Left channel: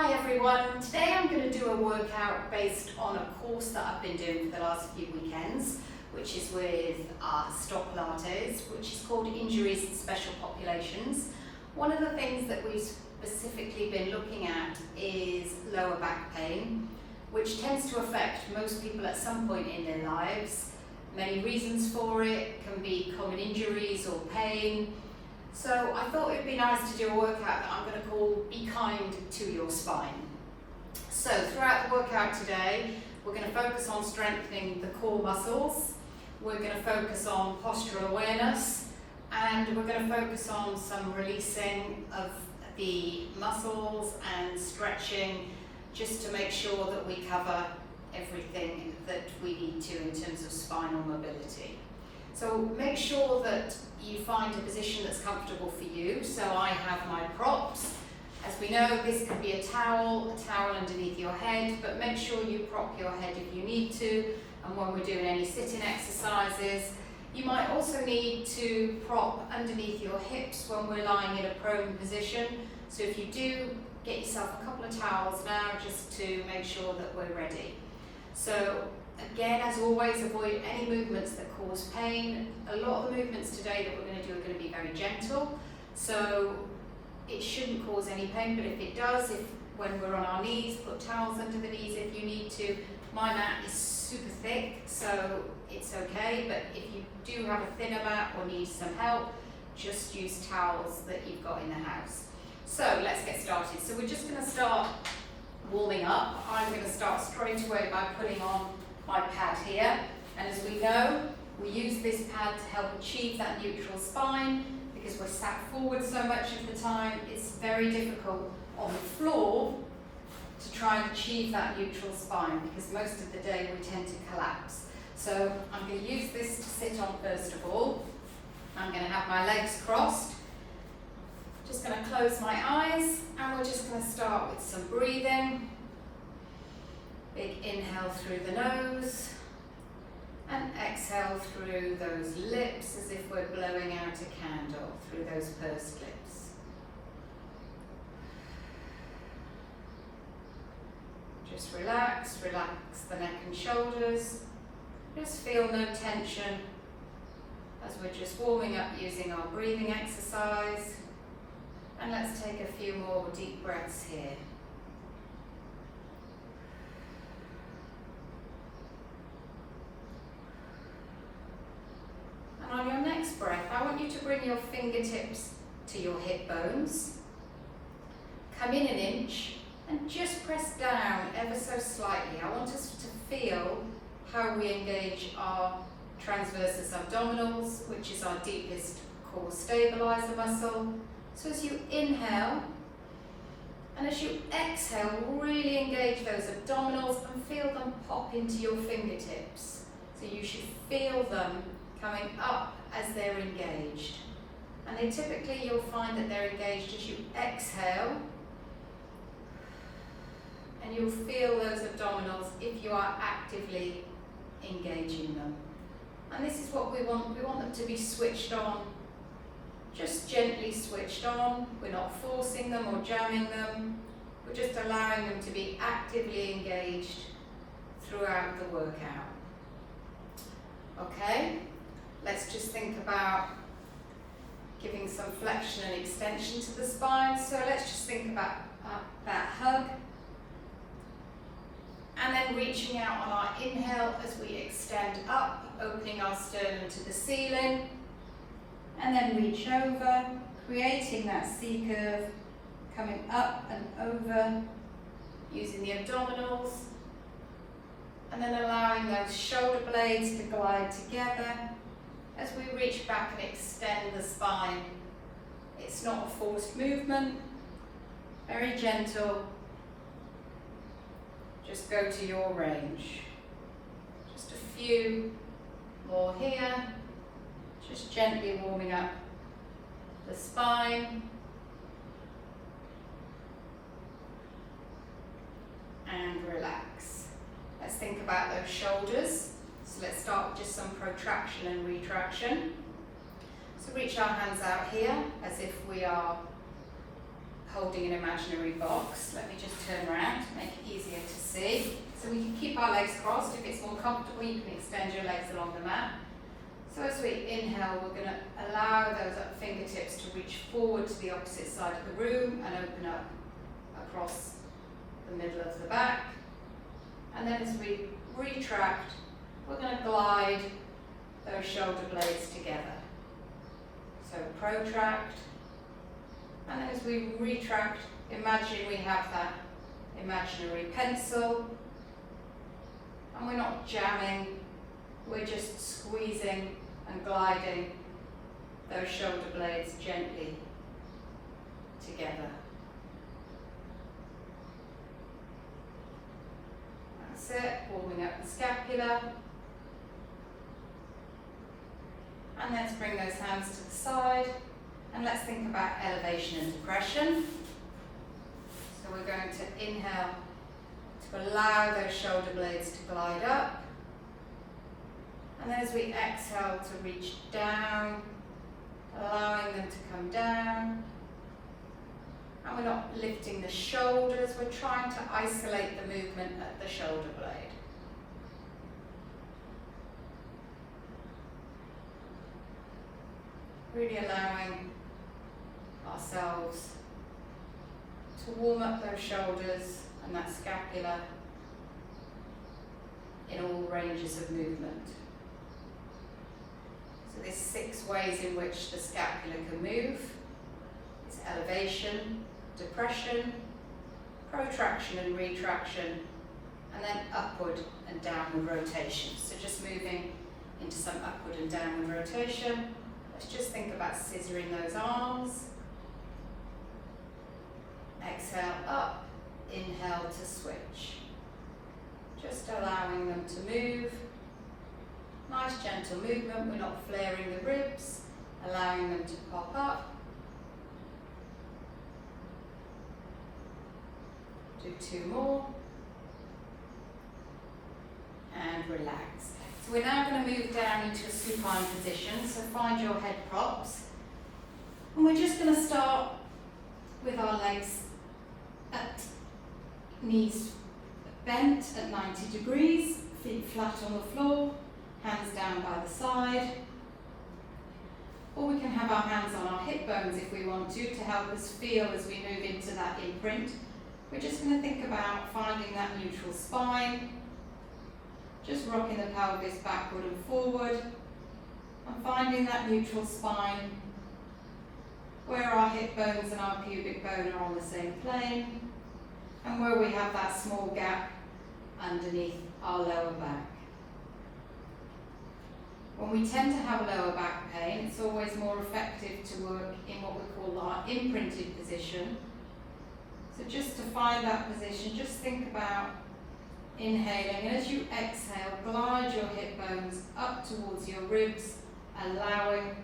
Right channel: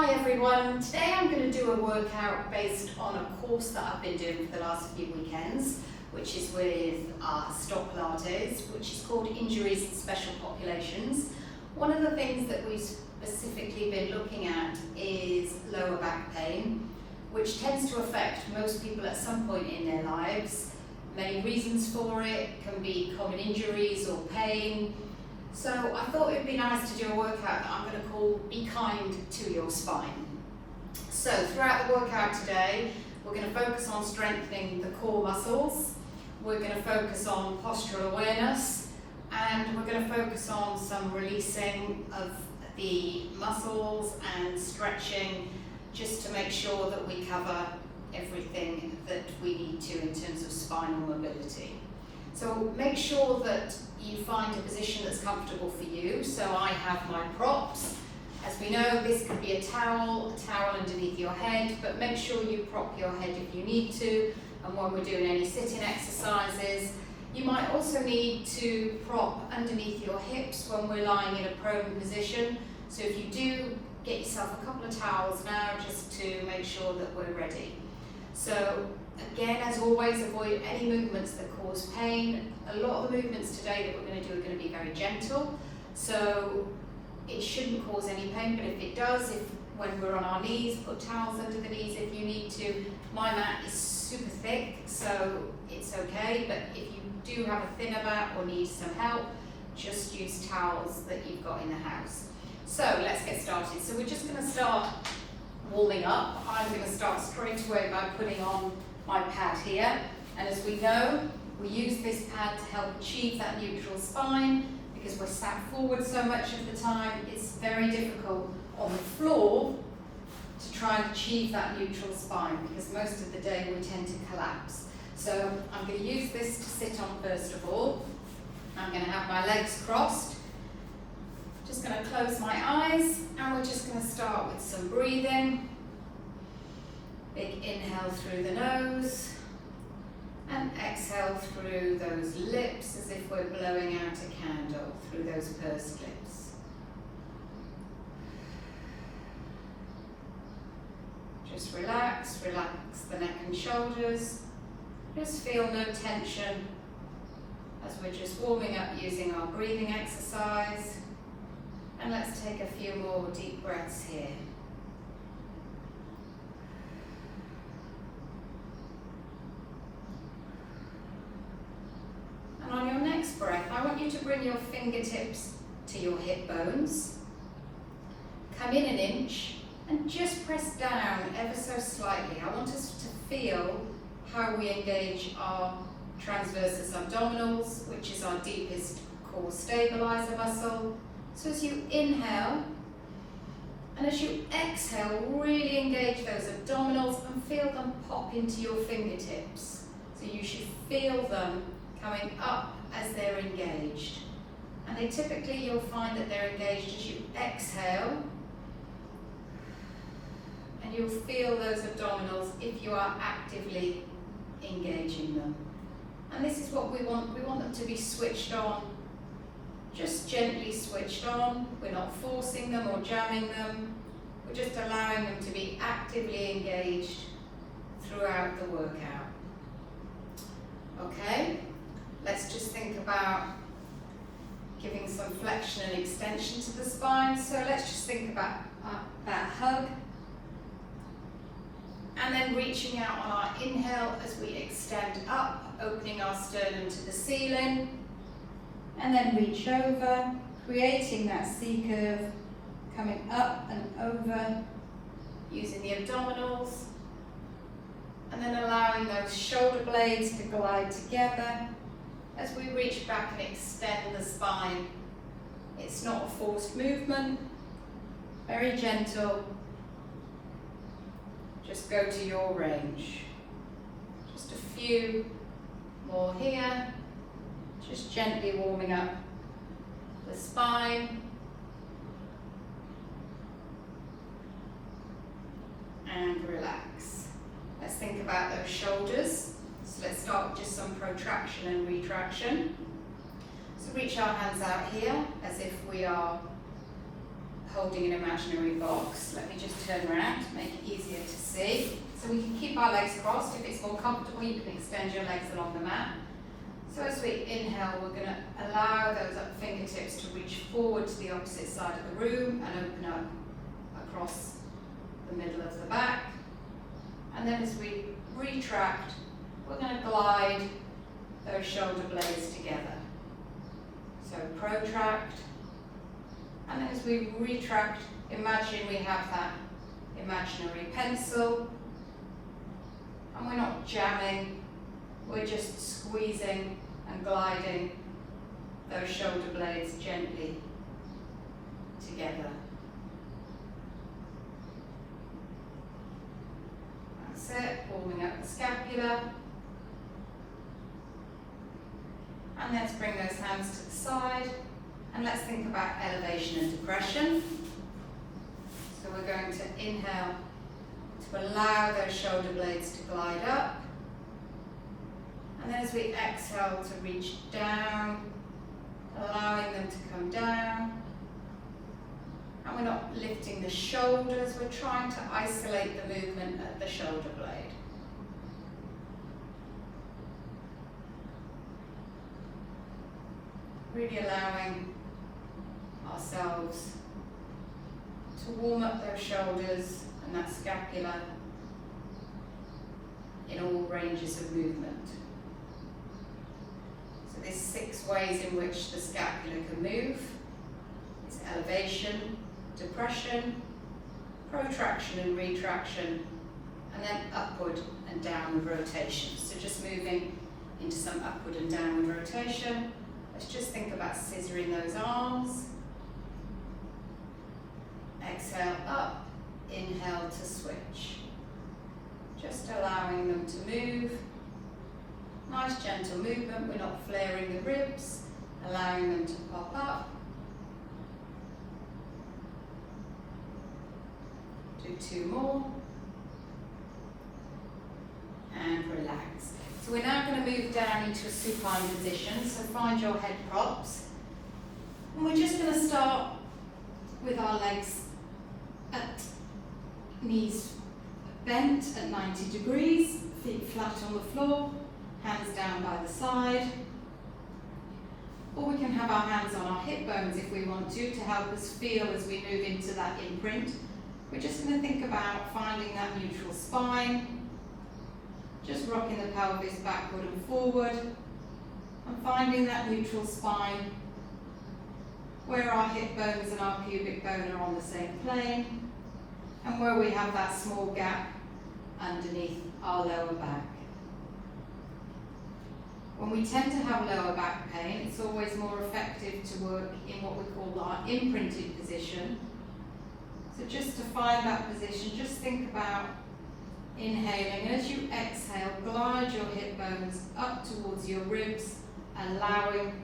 Hi everyone, today I'm going to do a workout based on a course that I've been doing for the last few weekends, which is with STOTT Pilates, which is called Injuries in Special Populations. One of the things that we've specifically been looking at is lower back pain, which tends to affect most people at some point in their lives. Many reasons for it can be common injuries or pain. So I thought it would be nice to do a workout that I'm going to call Be Kind to Your Spine. So throughout the workout today, we're going to focus on strengthening the core muscles, we're going to focus on postural awareness, and we're going to focus on some releasing of the muscles and stretching, just to make sure that we cover everything that we need to in terms of spinal mobility. So make sure that you find a position that's comfortable for you. So I have my props. As we know, this could be a towel underneath your head, but make sure you prop your head if you need to. And when we're doing any sitting exercises, you might also need to prop underneath your hips when we're lying in a prone position. So if you do, get yourself a couple of towels now, just to make sure that we're ready. So again, as always, avoid any movements that cause pain. A lot of the movements today that we're going to do are going to be very gentle, so it shouldn't cause any pain, but if it does, when we're on our knees, put towels under the knees if you need to. My mat is super thick, so it's okay, but if you do have a thinner mat or need some help, just use towels that you've got in the house. So let's get started. So we're just going to start warming up. I'm going to start straight away by putting on my pad here, and as we know, we use this pad to help achieve that neutral spine, because we're sat forward so much of the time. It's very difficult on the floor to try and achieve that neutral spine, because most of the day we tend to collapse. So I'm going to use this to sit on first of all. I'm going to have my legs crossed, just going to close my eyes, and we're just going to start with some breathing. Big inhale through the nose, and exhale through those lips as if we're blowing out a candle through those pursed lips. Just relax the neck and shoulders. Just feel no tension as we're just warming up using our breathing exercise. And let's take a few more deep breaths here. And on your next breath, I want you to bring your fingertips to your hip bones. Come in an inch and just press down ever so slightly. I want us to feel how we engage our transversus abdominals, which is our deepest core stabilizer muscle. So as you inhale, and as you exhale, really engage those abdominals and feel them pop into your fingertips. So you should feel them coming up as they're engaged. And they typically, you'll find that they're engaged as you exhale, and you'll feel those abdominals if you are actively engaging them. And this is what we want. We want them to be switched on, just gently switched on. We're not forcing them or jamming them. We're just allowing them to be actively engaged throughout the workout. Okay? Let's just think about giving some flexion and extension to the spine. So let's just think about that hug. And then reaching out on our inhale as we extend up, opening our sternum to the ceiling. And then reach over, creating that C curve, coming up and over, using the abdominals. And then allowing those shoulder blades to glide together as we reach back and extend the spine. It's not a forced movement, very gentle. Just go to your range. Just a few more here. Just gently warming up the spine. And relax. Let's think about those shoulders. So let's start with just some protraction and retraction. So reach our hands out here as if we are holding an imaginary box. Let me just turn around to make it easier to see. So we can keep our legs crossed. If it's more comfortable, you can extend your legs along the mat. So as we inhale, we're going to allow those fingertips to reach forward to the opposite side of the room and open up across the middle of the back. And then as we retract, we're going to glide those shoulder blades together. So protract, and then as we retract, imagine we have that imaginary pencil, and we're not jamming, we're just squeezing and gliding those shoulder blades gently together. That's it, warming up the scapula. And let's bring those hands to the side, and let's think about elevation and depression. So we're going to inhale to allow those shoulder blades to glide up. And then as we exhale to reach down, allowing them to come down. And we're not lifting the shoulders, we're trying to isolate the movement at the shoulder blade. Really allowing ourselves to warm up those shoulders and that scapula in all ranges of movement. So there's 6 ways in which the scapula can move. It's elevation, depression, protraction and retraction, and then upward and downward rotation. So just moving into some upward and downward rotation. Let's just think about scissoring those arms. Exhale up, inhale to switch. Just allowing them to move. Nice gentle movement, we're not flaring the ribs, allowing them to pop up. Do 2 more. And relax. So we're now going to move down into a supine position, so find your head props. And we're just going to start with our legs at knees bent at 90 degrees, feet flat on the floor, hands down by the side. Or we can have our hands on our hip bones if we want to help us feel as we move into that imprint. We're just going to think about finding that neutral spine. Just rocking the pelvis backward and forward, and finding that neutral spine where our hip bones and our pubic bone are on the same plane, and where we have that small gap underneath our lower back. When we tend to have lower back pain, it's always more effective to work in what we call our imprinted position. So just to find that position, just think about inhaling, and as you exhale, glide your hip bones up towards your ribs, allowing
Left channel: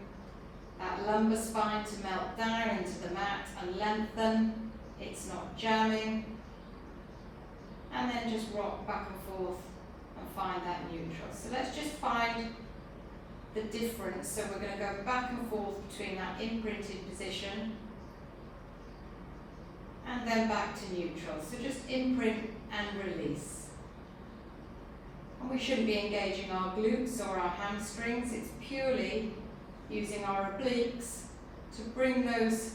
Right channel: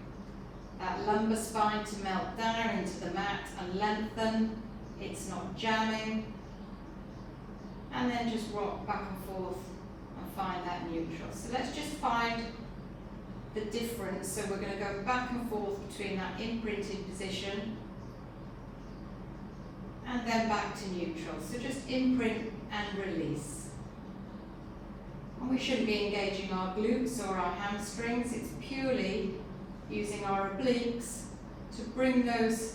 that lumbar spine to melt down into the mat and lengthen. It's not jamming. And then just rock back and forth and find that neutral. So let's just find the difference. So we're going to go back and forth between that imprinted position and then back to neutral. So just imprint and release. And we shouldn't be engaging our glutes or our hamstrings. It's purely using our obliques to bring those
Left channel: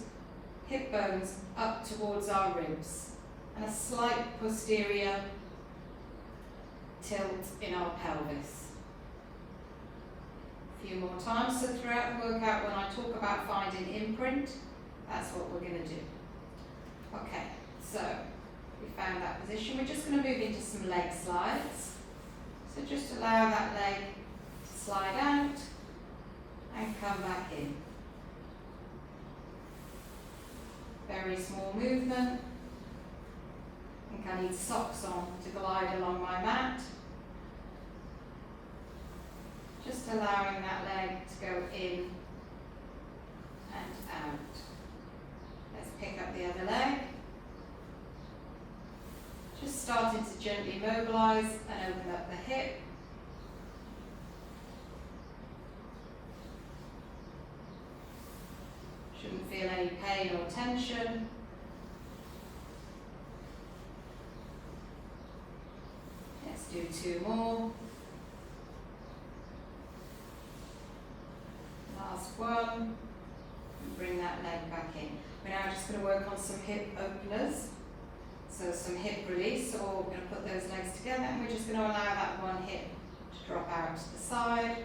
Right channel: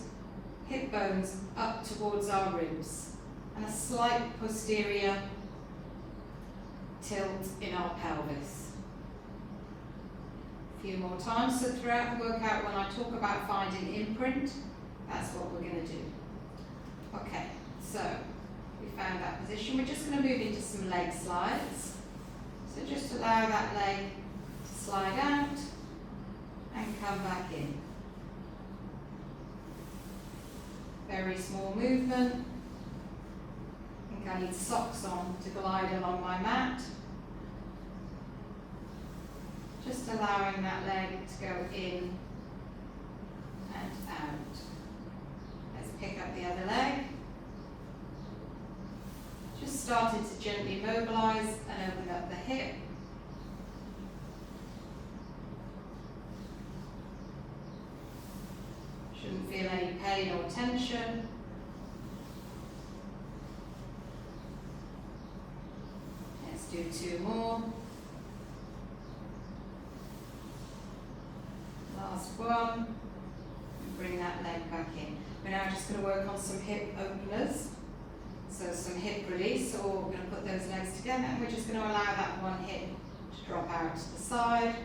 hip bones up towards our ribs, and a slight posterior tilt in our pelvis. A few more times. So throughout the workout, when I talk about finding imprint, that's what we're going to do. Okay, so we found that position. We're just going to move into some leg slides. So just allow that leg to slide out and come back in. Very small movement. I think I need socks on to glide along my mat. Just allowing that leg to go in and out. Let's pick up the other leg. Just starting to gently mobilise and open up the hip. Shouldn't feel any pain or tension. do 2 more. Last one. And bring that leg back in. We're now just going to work on some hip openers. So some hip release. So we're going to put those legs together and we're just going to allow that one hip to drop out to the side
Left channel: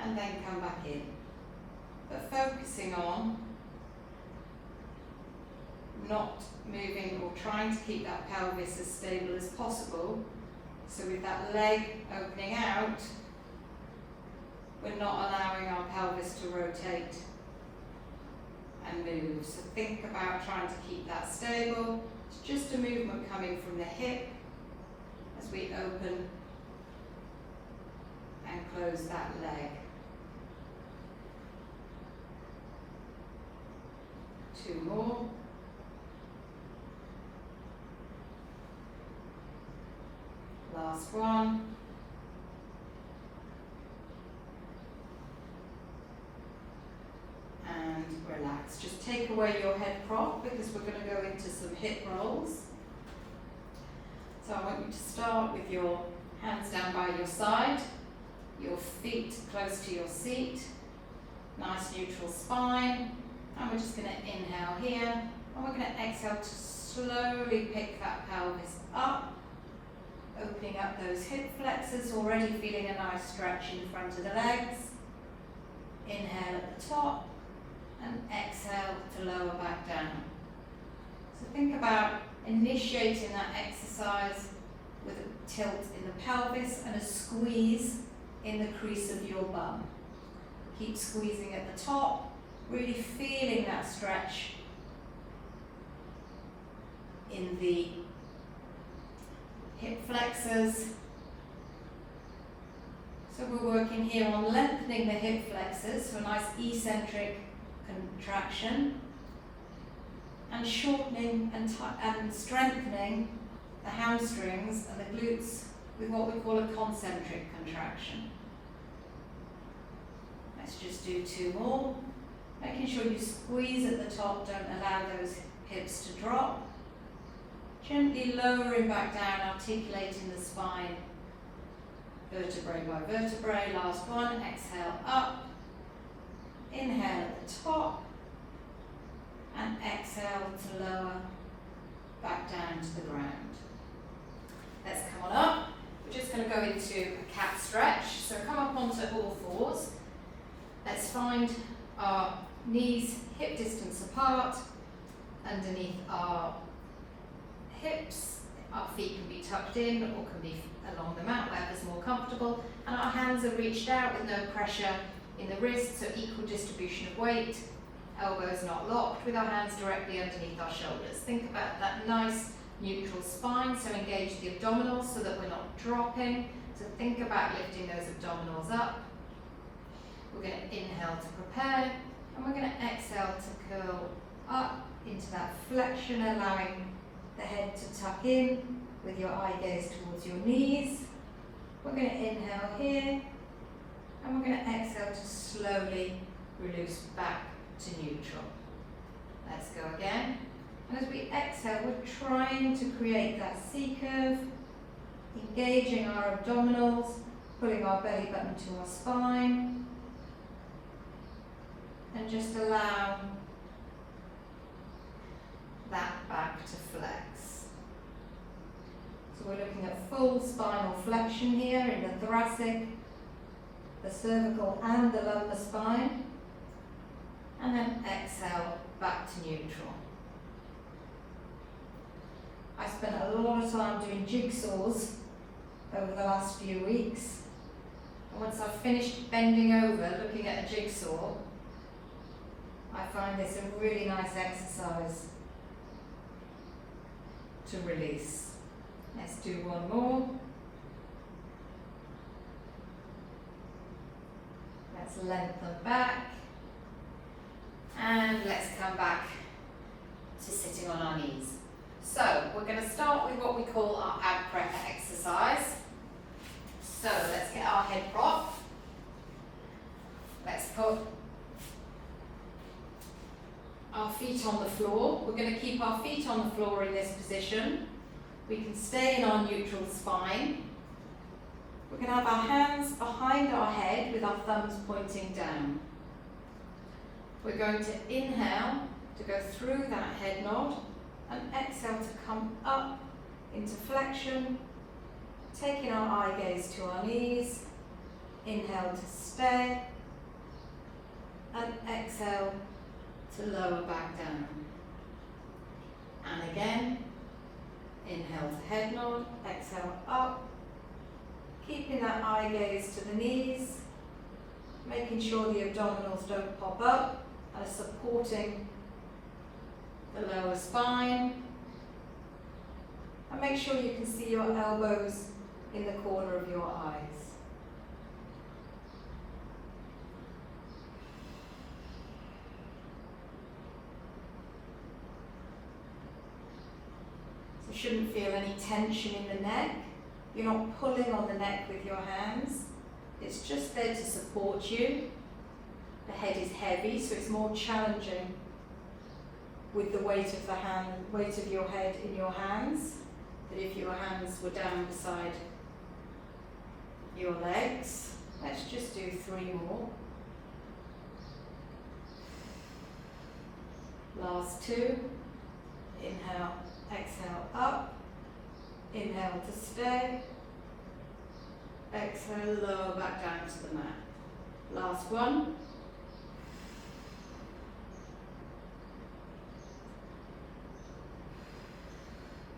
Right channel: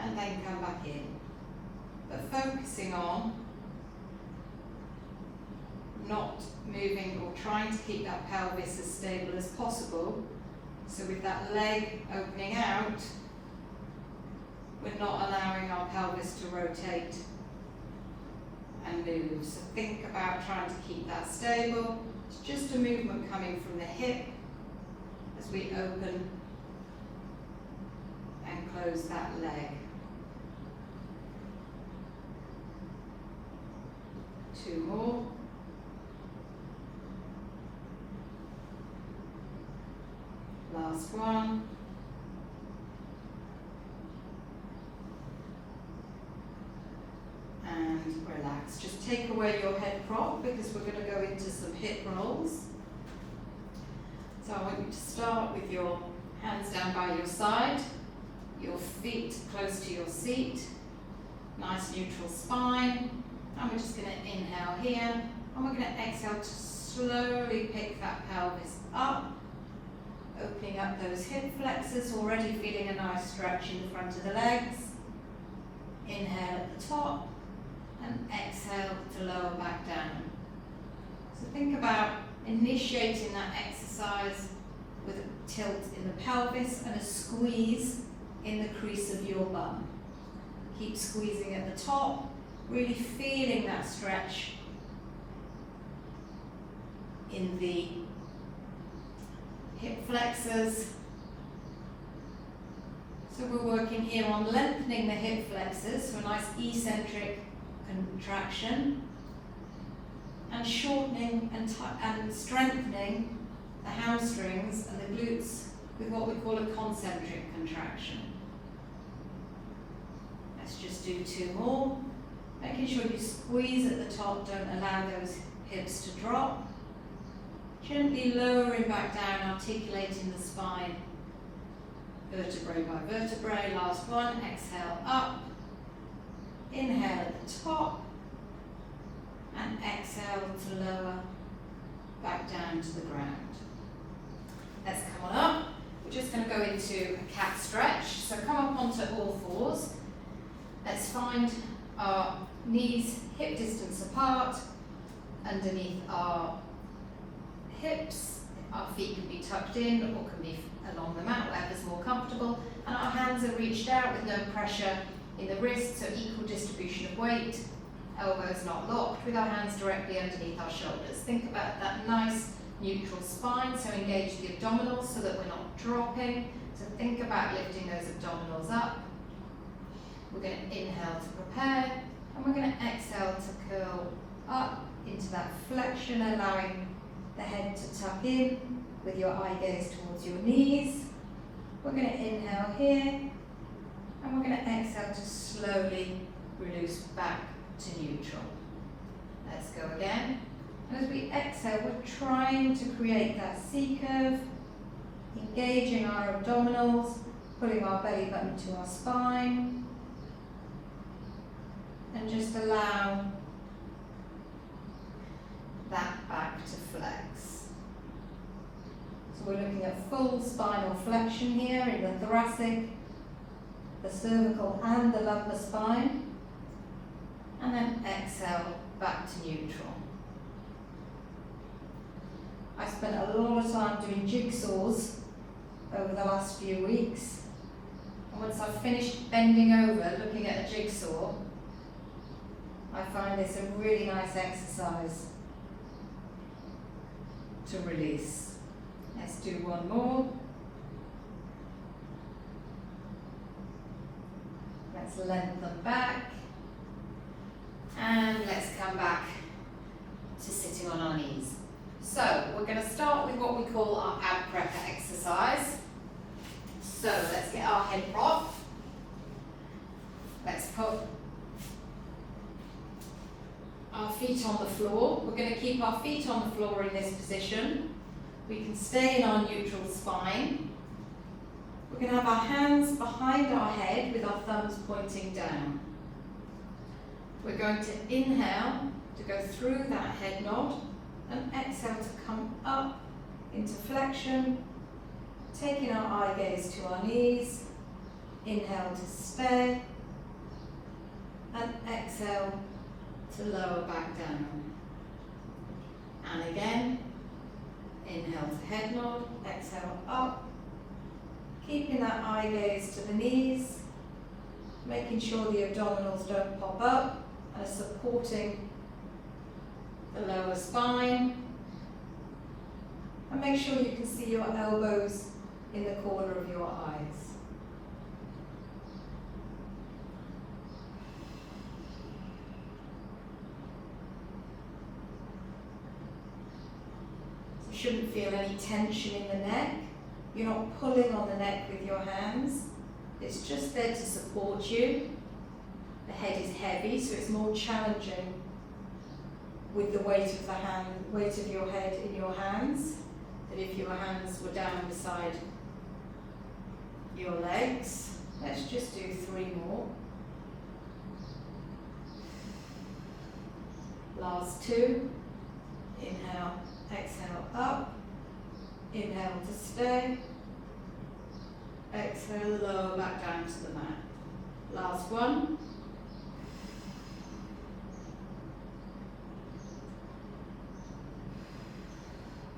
and then come back in. But focusing on not moving or trying to keep that pelvis as stable as possible. So with that leg opening out, we're not allowing our pelvis to rotate and move. So think about trying to keep that stable. It's just a movement coming from the hip as we open and close that leg. 2 more. Last one. And relax. Just take away your head prop because we're going to go into some hip rolls. So I want you to start with your hands down by your side, your feet close to your seat, nice neutral spine. And we're just going to inhale here, and we're going to exhale to slowly pick that pelvis up, opening up those hip flexors, already feeling a nice stretch in the front of the legs. Inhale at the top, and exhale to lower back down. So think about initiating that exercise with a tilt in the pelvis and a squeeze in the crease of your bum. Keep squeezing at the top, really feeling that stretch in the hip flexors. So we're working here on lengthening the hip flexors, so a nice eccentric contraction, and shortening and strengthening the hamstrings and the glutes with what we call a concentric contraction. Let's just do 2 more. Making sure you squeeze at the top, don't allow those hips to drop. Gently lowering back down, articulating the spine, vertebrae by vertebrae. Last one, exhale up, inhale at the top, and exhale to lower back down to the ground. Let's come on up. We're just going to go into a cat stretch. So come up onto all fours. Let's find our knees hip distance apart, underneath our hips. Our feet can be tucked in or can be along the mat, whatever's more comfortable, and our hands are reached out with no pressure in the wrists, so equal distribution of weight, elbows not locked, with our hands directly underneath our shoulders. Think about that nice neutral spine, so engage the abdominals so that we're not dropping. So think about lifting those abdominals up. We're going to inhale to prepare, and we're going to exhale to curl up into that flexion, allowing the head to tuck in with your eye gaze towards your knees. We're going to inhale here, and we're going to exhale to slowly release back to neutral. Let's go again. And as we exhale, we're trying to create that C curve, engaging our abdominals, pulling our belly button to our spine, and just allow that back to flex. So we're looking at full spinal flexion here in the thoracic, the cervical and the lumbar spine, and then exhale back to neutral. I spent a lot of time doing jigsaws over the last few weeks, and once I've finished bending over looking at a jigsaw, I find this a really nice exercise to release. Let's do 1 more. Let's lengthen back, and let's come back to sitting on our knees. So we're going to start with what we call our ab prep exercise. So let's get our head prop. Let's put our feet on the floor. We're going to keep our feet on the floor in this position. We can stay in our neutral spine, We're going to have our hands behind our head with our thumbs pointing down. We're going to inhale to go through that head nod and exhale to come up into flexion, taking our eye gaze to our knees. Inhale to stay and exhale to lower back down. And again, inhale to head nod, exhale up, keeping that eye gaze to the knees, making sure the abdominals don't pop up and are supporting the lower spine. And make sure you can see your elbows in the corner of your eyes. So you shouldn't feel any tension in the neck. You're not pulling on the neck with your hands. It's just there to support you. The head is heavy, so it's more challenging with the weight of the hand, weight of your head in your hands, than if your hands were down beside your legs. Let's just do 3 more. Last 2. Inhale, exhale up. Inhale to stay. Exhale, lower back down to the mat. Last 1.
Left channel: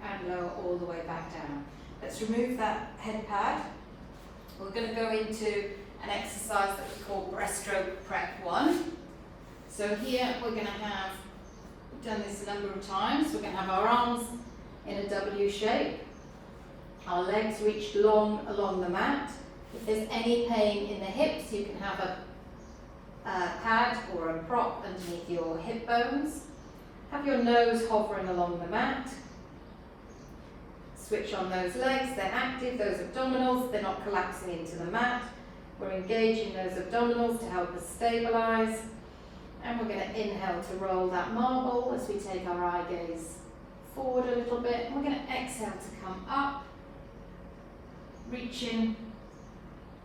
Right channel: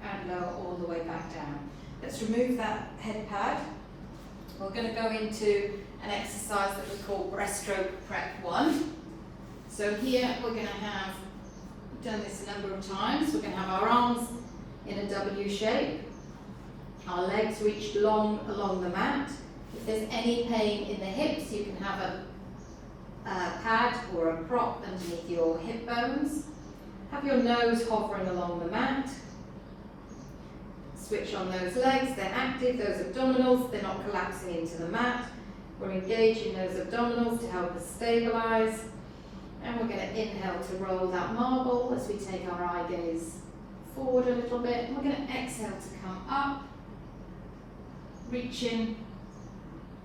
And lower all the way back down. Let's remove that head pad. We're going to go into an exercise that we call breaststroke prep 1. So here we're going to have, we've done this a number of times, we're going to have our arms in a W shape, our legs reached long along the mat. If there's any pain in the hips, you can have a pad or a prop underneath your hip bones. Have your nose hovering along the mat. Switch on those legs, they're active, those abdominals, they're not collapsing into the mat. We're engaging those abdominals to help us stabilise. And we're going to inhale to roll that marble as we take our eye gaze forward a little bit. And we're going to exhale to come up, reaching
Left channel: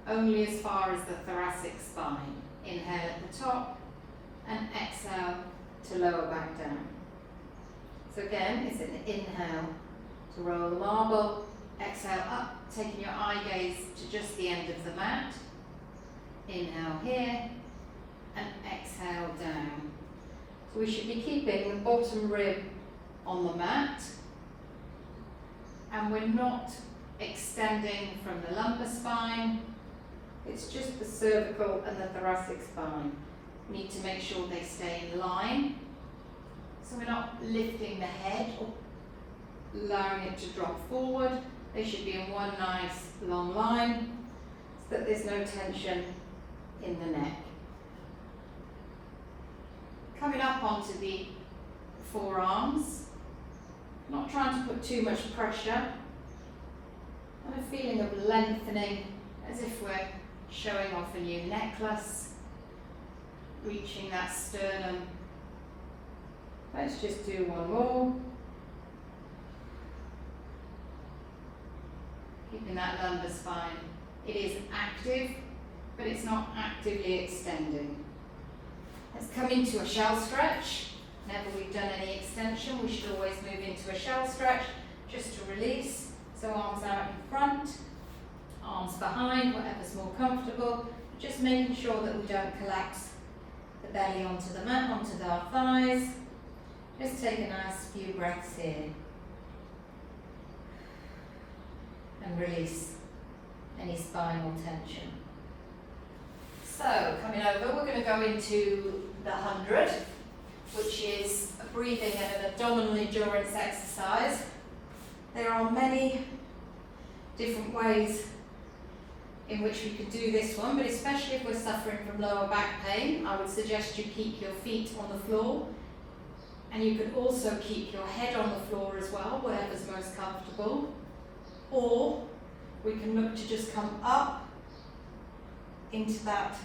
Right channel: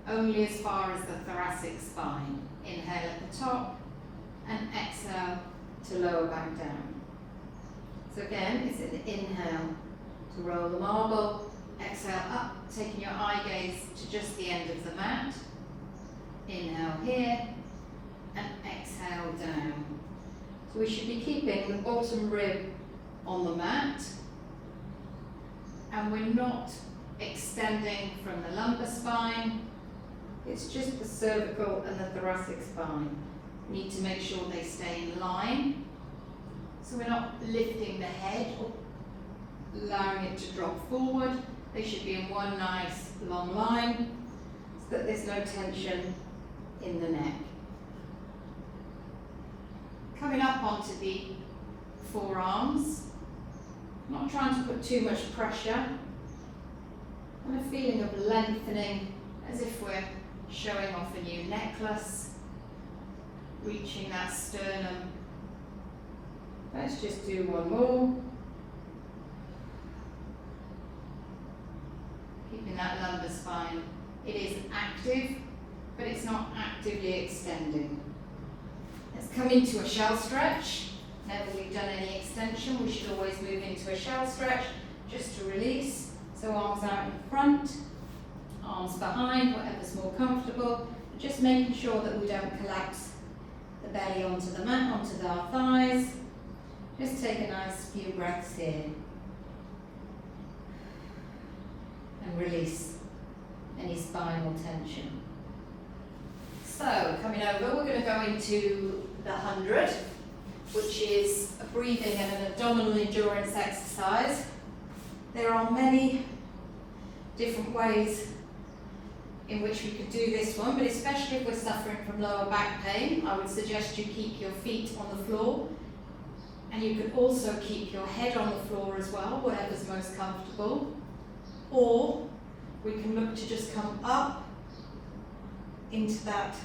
only as far as the thoracic spine. Inhale at the top and exhale to lower back down. So again, it's an inhale to roll the marble, exhale up, taking your eye gaze to just the end of the mat. Inhale here and exhale down. So we should be keeping the bottom rib on the mat, and we're not extending from the lumbar spine. It's just the cervical and the thoracic spine. We need to make sure they stay in line. So we're not lifting the head or allowing it to drop forward. They should be in one nice long line so that there's no tension in the neck. Coming up onto the forearms, not trying to put too much pressure, and a feeling of lengthening as if we're showing off a new necklace, reaching that sternum. Let's just do 1 more. Keeping that lumbar spine. It is active, but it's not actively extending. Let's come into a shell stretch. Whenever we've done any extension, we should always move into a shell stretch just to release. So arms out in front, arms behind, whatever's more comfortable. Just making sure that we don't collapse the belly onto the mat, onto our thighs. Just take a nice few breaths here. And release any spinal tension. So, coming over, we're going to go into the 100, which is a breathing and an abdominal endurance exercise. There are many different ways in which we could do this one, but especially if we're suffering from lower back pain, I would suggest you keep your feet on the floor, and you could also keep your head on the floor as well, whatever's most comfortable. Or we can look to just come up into that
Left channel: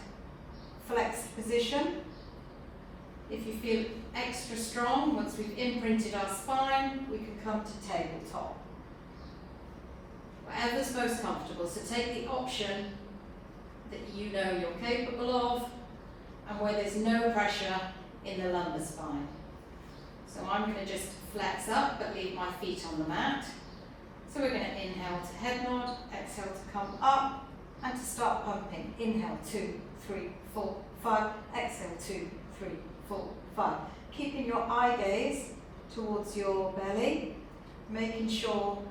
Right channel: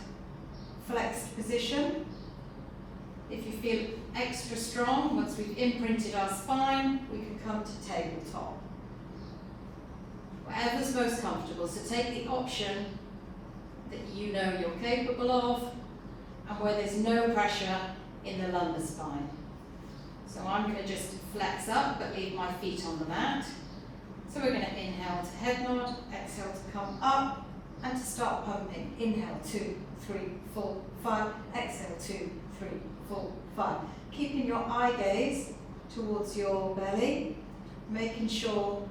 flexed position. If you feel extra strong, once we've imprinted our spine, we can come to tabletop. Whatever's most comfortable. So take the option that you know you're capable of and where there's no pressure in the lumbar spine. So I'm going to just flex up but leave my feet on the mat. So we're going to inhale to head nod, exhale to come up and to start pumping. Inhale 2, 3, 4, 5, exhale 2, 3, 4, 5. Keeping your eye gaze towards your belly, making sure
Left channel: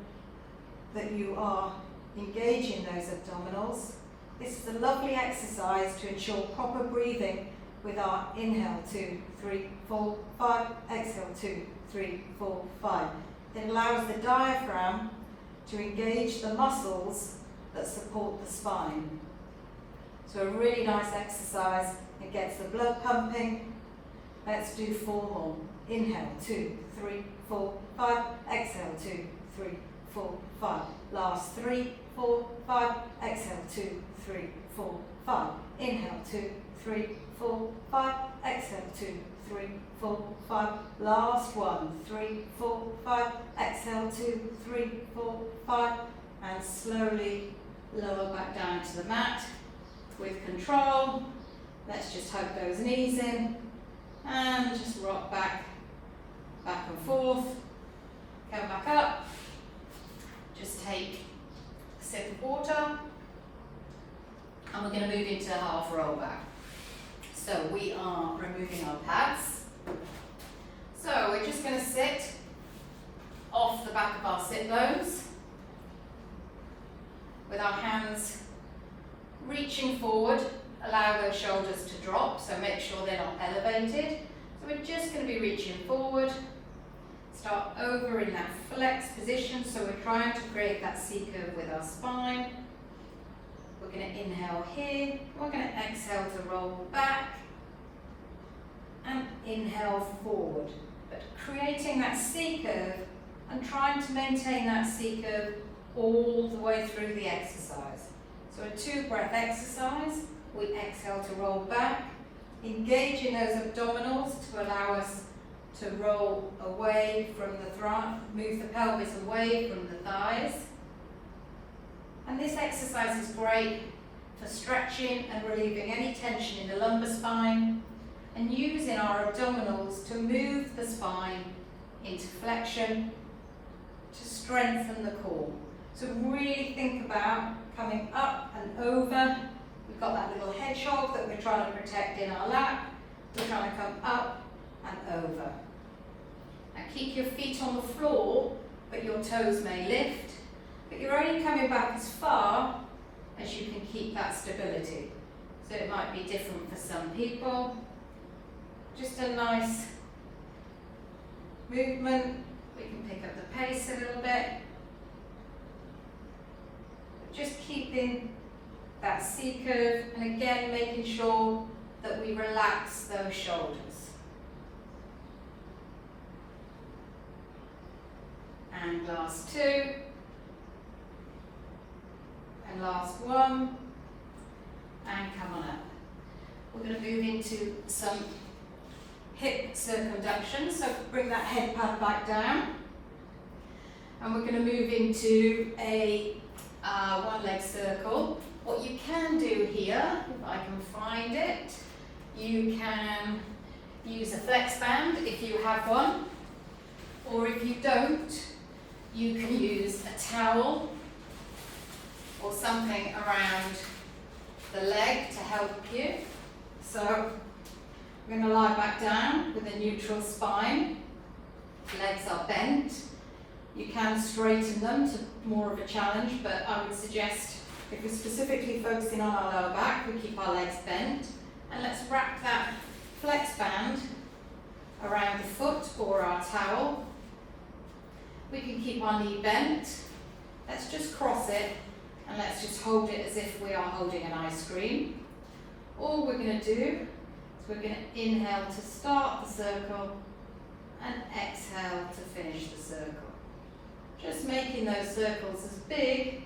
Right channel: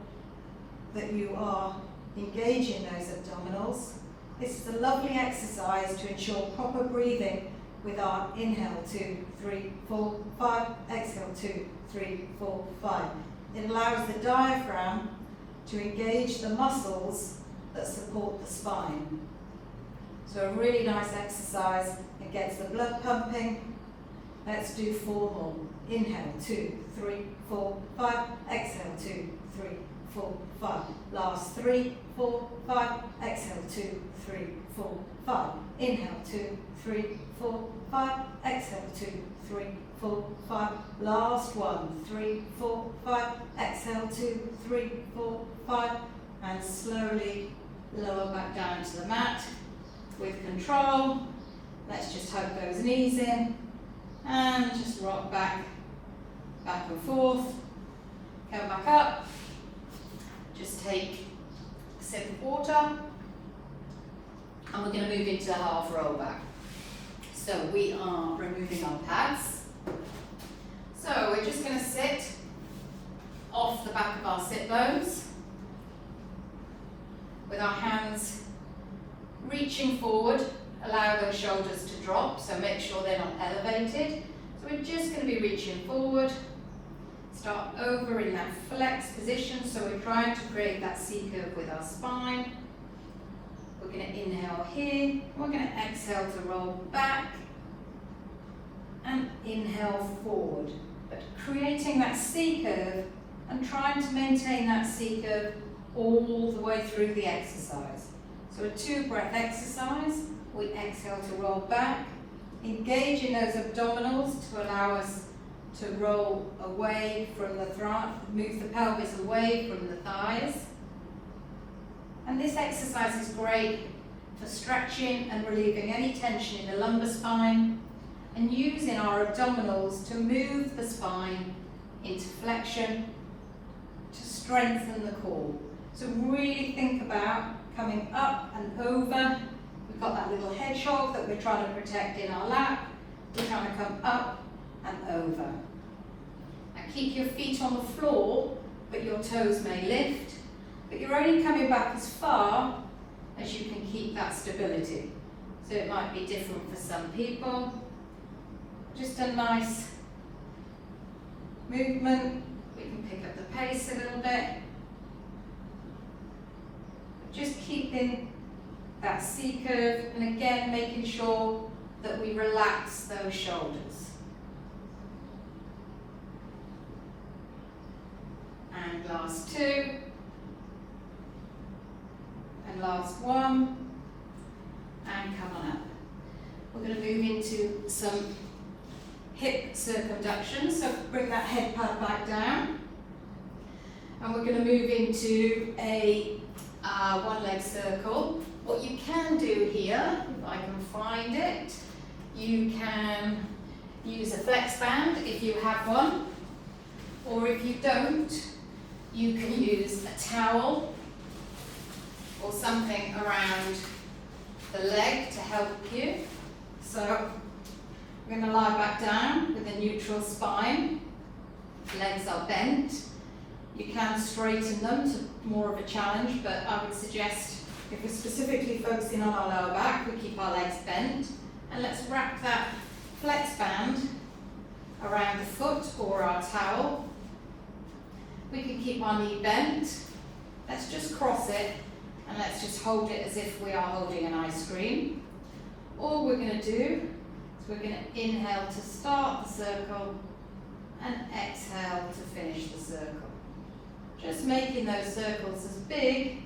that you are engaging those abdominals. This is a lovely exercise to ensure proper breathing with our inhale 2, 3, 4, 5, exhale 2, 3, 4, 5. It allows the diaphragm to engage the muscles that support the spine. So a really nice exercise. It gets the blood pumping. Let's do 4 more. Inhale 2, 3, 4, 5, exhale 2, 3, 4, 5. Last 3, 4, 5, exhale 2, 3, 4, 5. Inhale 2, 3, 4, 5, exhale 2, 3, 4, 5. Last one, 3, 4, 5, exhale 2, 3, 4, 5. And slowly lower back down to the mat with control. Let's just hug those knees in and just rock back and forth. Come back up. Just take a sip of water and we're going to move into a half roll back. So we are removing our pads. So we're just going to sit off the back of our sit bones with our hands reaching forward. Allow those shoulders to drop, so make sure they're not elevated. So we're just going to be reaching forward. Start over in that flex position, so we're trying to create that C-curve with our spine. We're going to inhale here, we're going to exhale to roll back and inhale forward. But creating that C-curve and trying to maintain that C-curve all the way through the exercise. So a 2-breath exercise. We exhale to roll back, engaging those abdominals to allow us to roll away from the thigh, move the pelvis away from the thighs. And this exercise is great for stretching and relieving any tension in the lumbar spine and using our abdominals to move the spine into flexion to strengthen the core. So really think about coming up and over. We've got that little hedgehog that we're trying to protect in our lap. We're trying to come up and over. And keep your feet on the floor, but your toes may lift. But you're only coming back as far as you can keep that stability. So it might be different for some people. Just a nice movement. We can pick up the pace a little bit. Just keeping that C-curve, and again making sure that we relax those shoulders. And last 2. And last 1. And come on up. We're going to move into some hip circumduction, so bring that head pad back down. And we're going to move into a one-leg circle. What you can do here, if I can find it, you can use a flex band if you have one, or if you don't, you can use a towel or something around the leg to help you. So I'm going to lie back down with a neutral spine. Legs are bent. You can straighten them to more of a challenge, but I would suggest if we're specifically focusing on our lower back, we keep our legs bent. And let's wrap that flex band around the foot or our towel. We can keep our knee bent. Let's just cross it and let's just hold it as if we are holding an ice cream. All we're going to do is we're going to inhale to start the circle and exhale to finish the circle. Just making those circles as big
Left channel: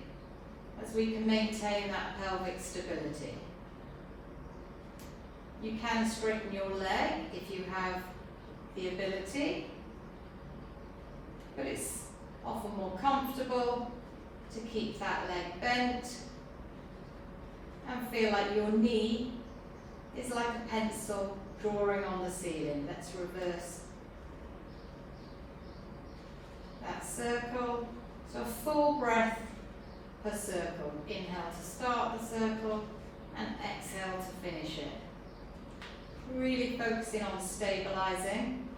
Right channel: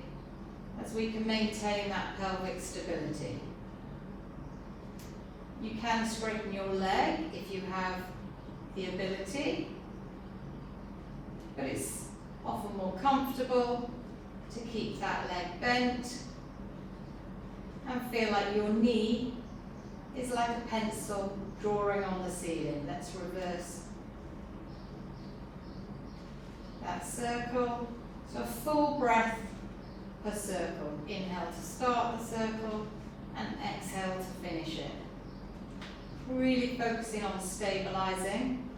as we can maintain that pelvic stability. You can straighten your leg if you have the ability, but it's often more comfortable to keep that leg bent and feel like your knee is like a pencil drawing on the ceiling. Let's reverse that circle. So a full breath per circle. Inhale to start the circle and exhale to finish it. Really focusing on stabilizing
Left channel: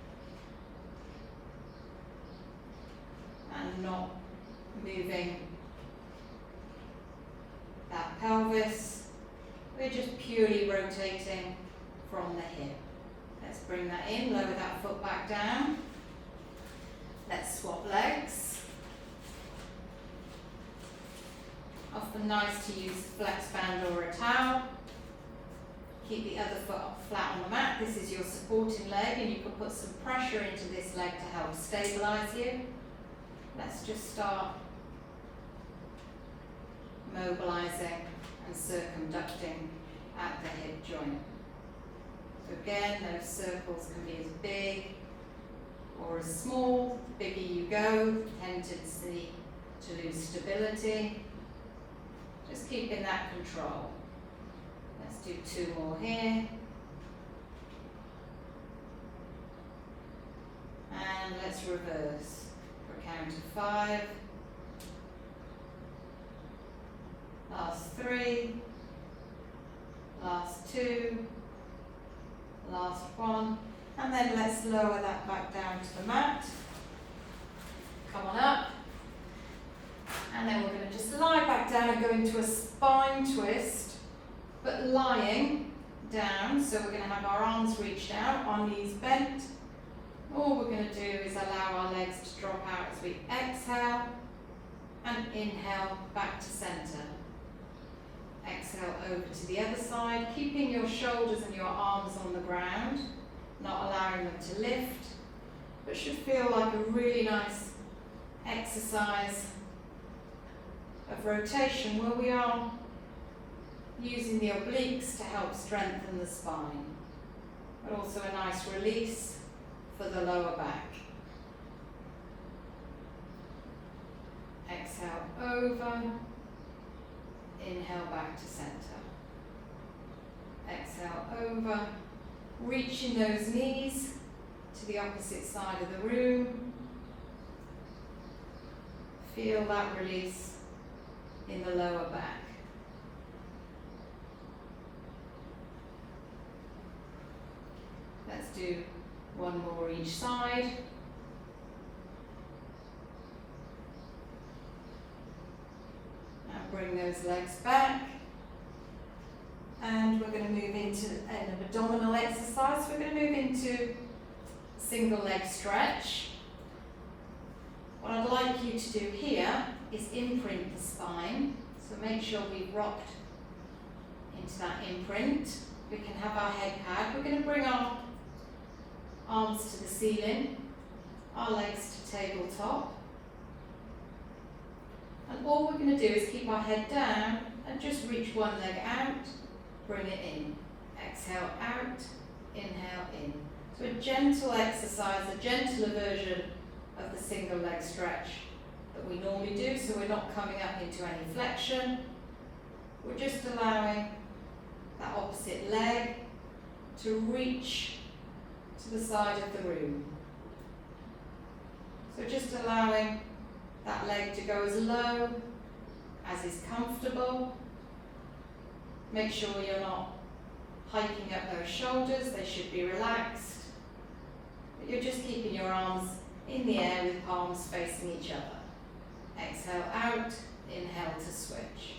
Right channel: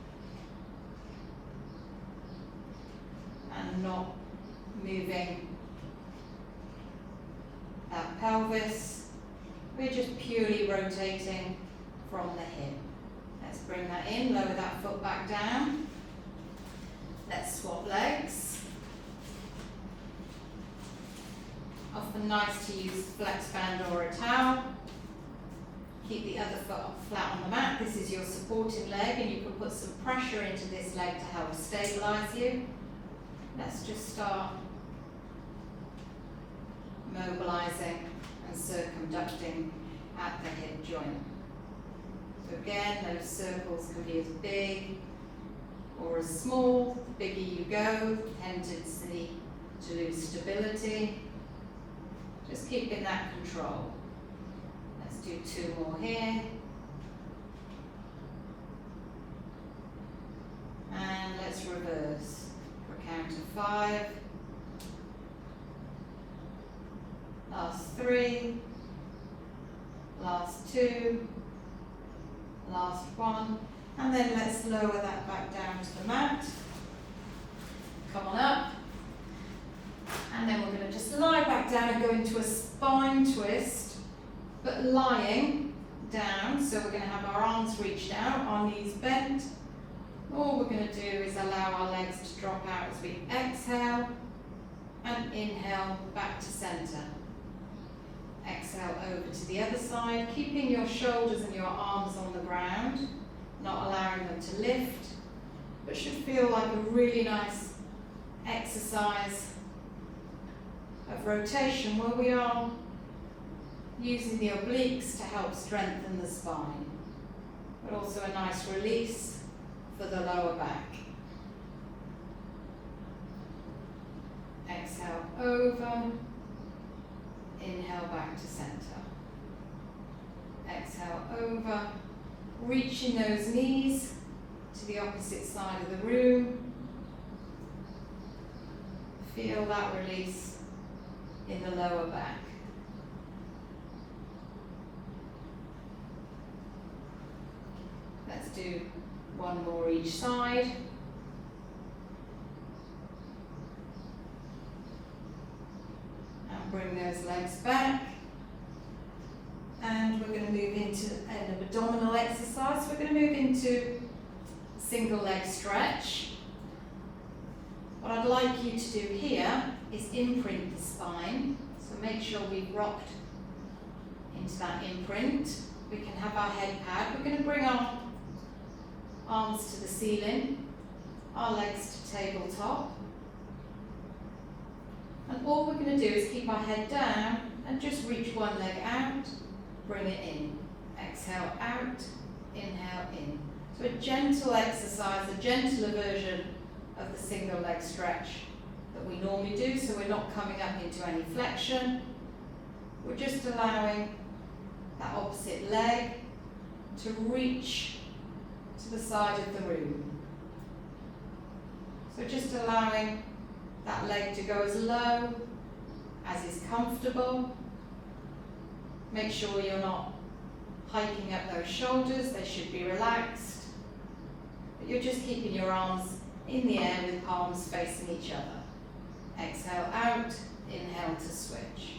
and not moving that pelvis. We're just purely rotating from the hip. Let's bring that in, lower that foot back down. Let's swap legs. Often nice to use a flex band or a towel. Keep the other foot flat on the mat. This is your supporting leg, and you can put some pressure into this leg to help stabilize you. Let's just start mobilizing and circumducting at the hip joint. So again, those circles can be as big or as small. The bigger you go, tendency to lose stability. Just keeping that control. Let's do 2 more here. And let's reverse for a count of 5. Last 3. Last 2. Last 1. And then let's lower that back down to the mat. Come on up. And then we're going to just lie back down and go into a spine twist, but lying down. So we're going to have our arms reached out, our knees bent. All we're going to do is allow our legs to drop out as we exhale and inhale back to center. Exhale over to the other side, keeping your shoulders and your arms on the ground, not allowing them to lift, but should feel like a really nice exercise of rotation where we are using the obliques to help strengthen the spine, but also a nice release for the lower back. Exhale over, inhale back to center. Exhale over, reaching those knees to the opposite side of the room. Feel that release in the lower back. Let's do 1 more each side. And bring those legs back. And we're going to move into an abdominal exercise. We're going to move into single leg stretch. What I'd like you to do here is imprint the spine. So make sure we've rocked into that imprint. We can have our head pad. We're going to bring our arms to the ceiling, our legs to tabletop. And all we're going to do is keep our head down and just reach one leg out, bring it in. Exhale out, inhale in. So a gentle exercise, a gentler version of the single leg stretch that we normally do, so we're not coming up into any flexion. We're just allowing that opposite leg to reach to the side of the room. So just allowing that leg to go as low as is comfortable. Make sure you're not hiking up those shoulders, they should be relaxed. But you're just keeping your arms in the air with palms facing each other. Exhale out, inhale to switch.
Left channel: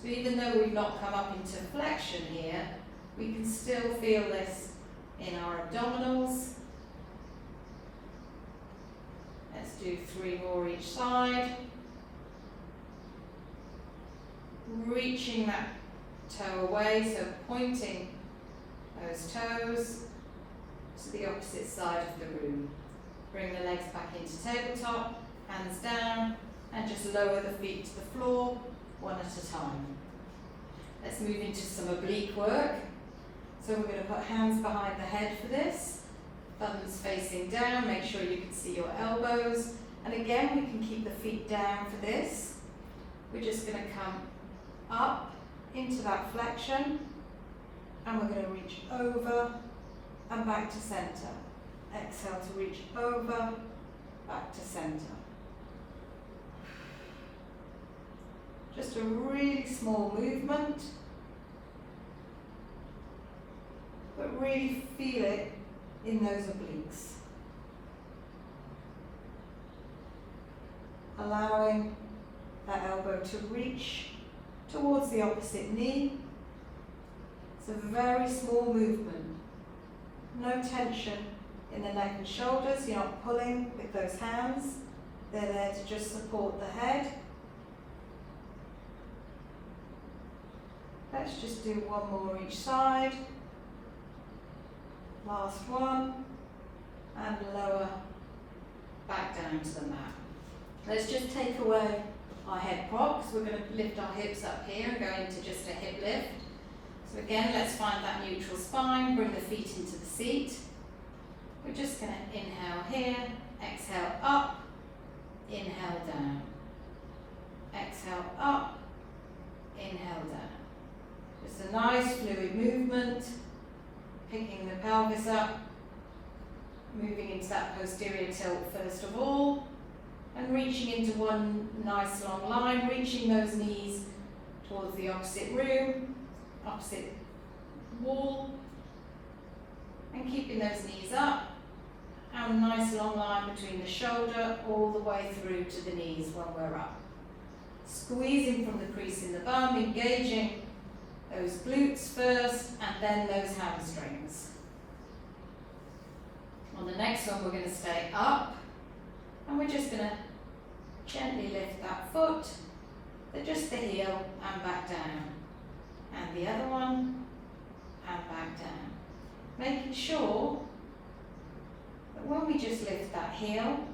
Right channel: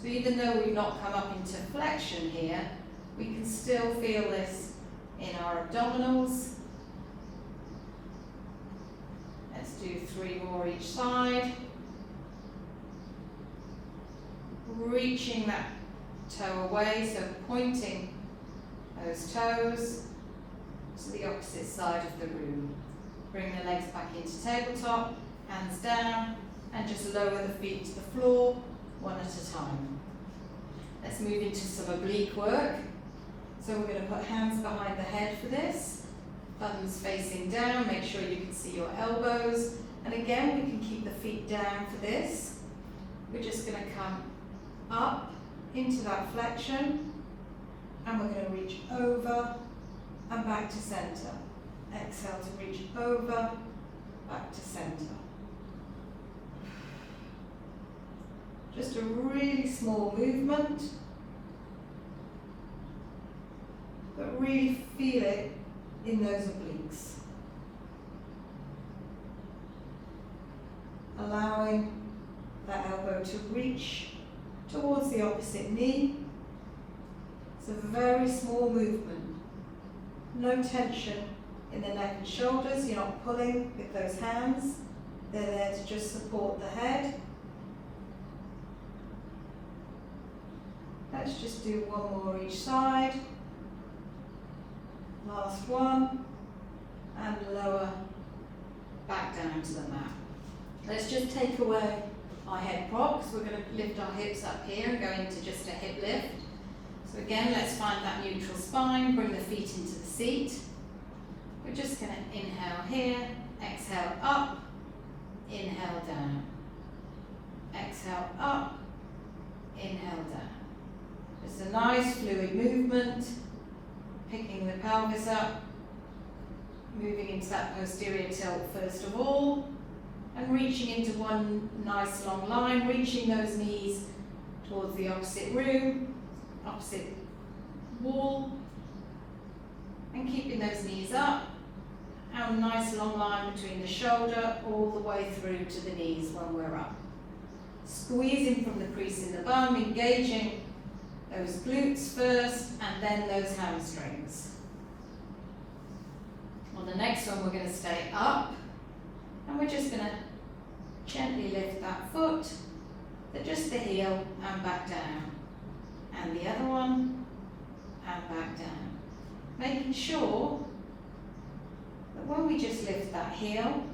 So even though we've not come up into flexion here, we can still feel this in our abdominals. Let's do 3 more each side. Reaching that toe away, so pointing those toes to the opposite side of the room. Bring the legs back into tabletop, hands down, and just lower the feet to the floor, one at a time. Let's move into some oblique work. So we're going to put hands behind the head for this, thumbs facing down, make sure you can see your elbows. And again, we can keep the feet down for this. we're just going to come up into that flexion, and we're going to reach over and back to center. Exhale to reach over, back to center. Just a really small movement, but really feel it in those obliques. Allowing that elbow to reach towards the opposite knee. It's a very small movement. No tension in the neck and shoulders. You're not pulling with those hands. They're there to just support the head. Let's just do one more each side. Last one. And lower back down to the mat. Let's just take away our head props. We're going to lift our hips up here and go into just a hip lift. So again, let's find that neutral spine, bring the feet into the seat. We're just going to inhale here, exhale up, inhale down. Exhale up, inhale down. Just a nice fluid movement, picking the pelvis up, moving into that posterior tilt first of all, and reaching into one nice long line, reaching those knees towards the opposite room, opposite wall, and keeping those knees up, and a nice long line between the shoulder all the way through to the knees when we're up. Squeezing from the crease in the bum, engaging those glutes first and then those hamstrings. On the next one we're going to stay up, and we're just going to gently lift that foot, but just the heel and back down. And the other one, and back down. Making sure that when we just lift that heel,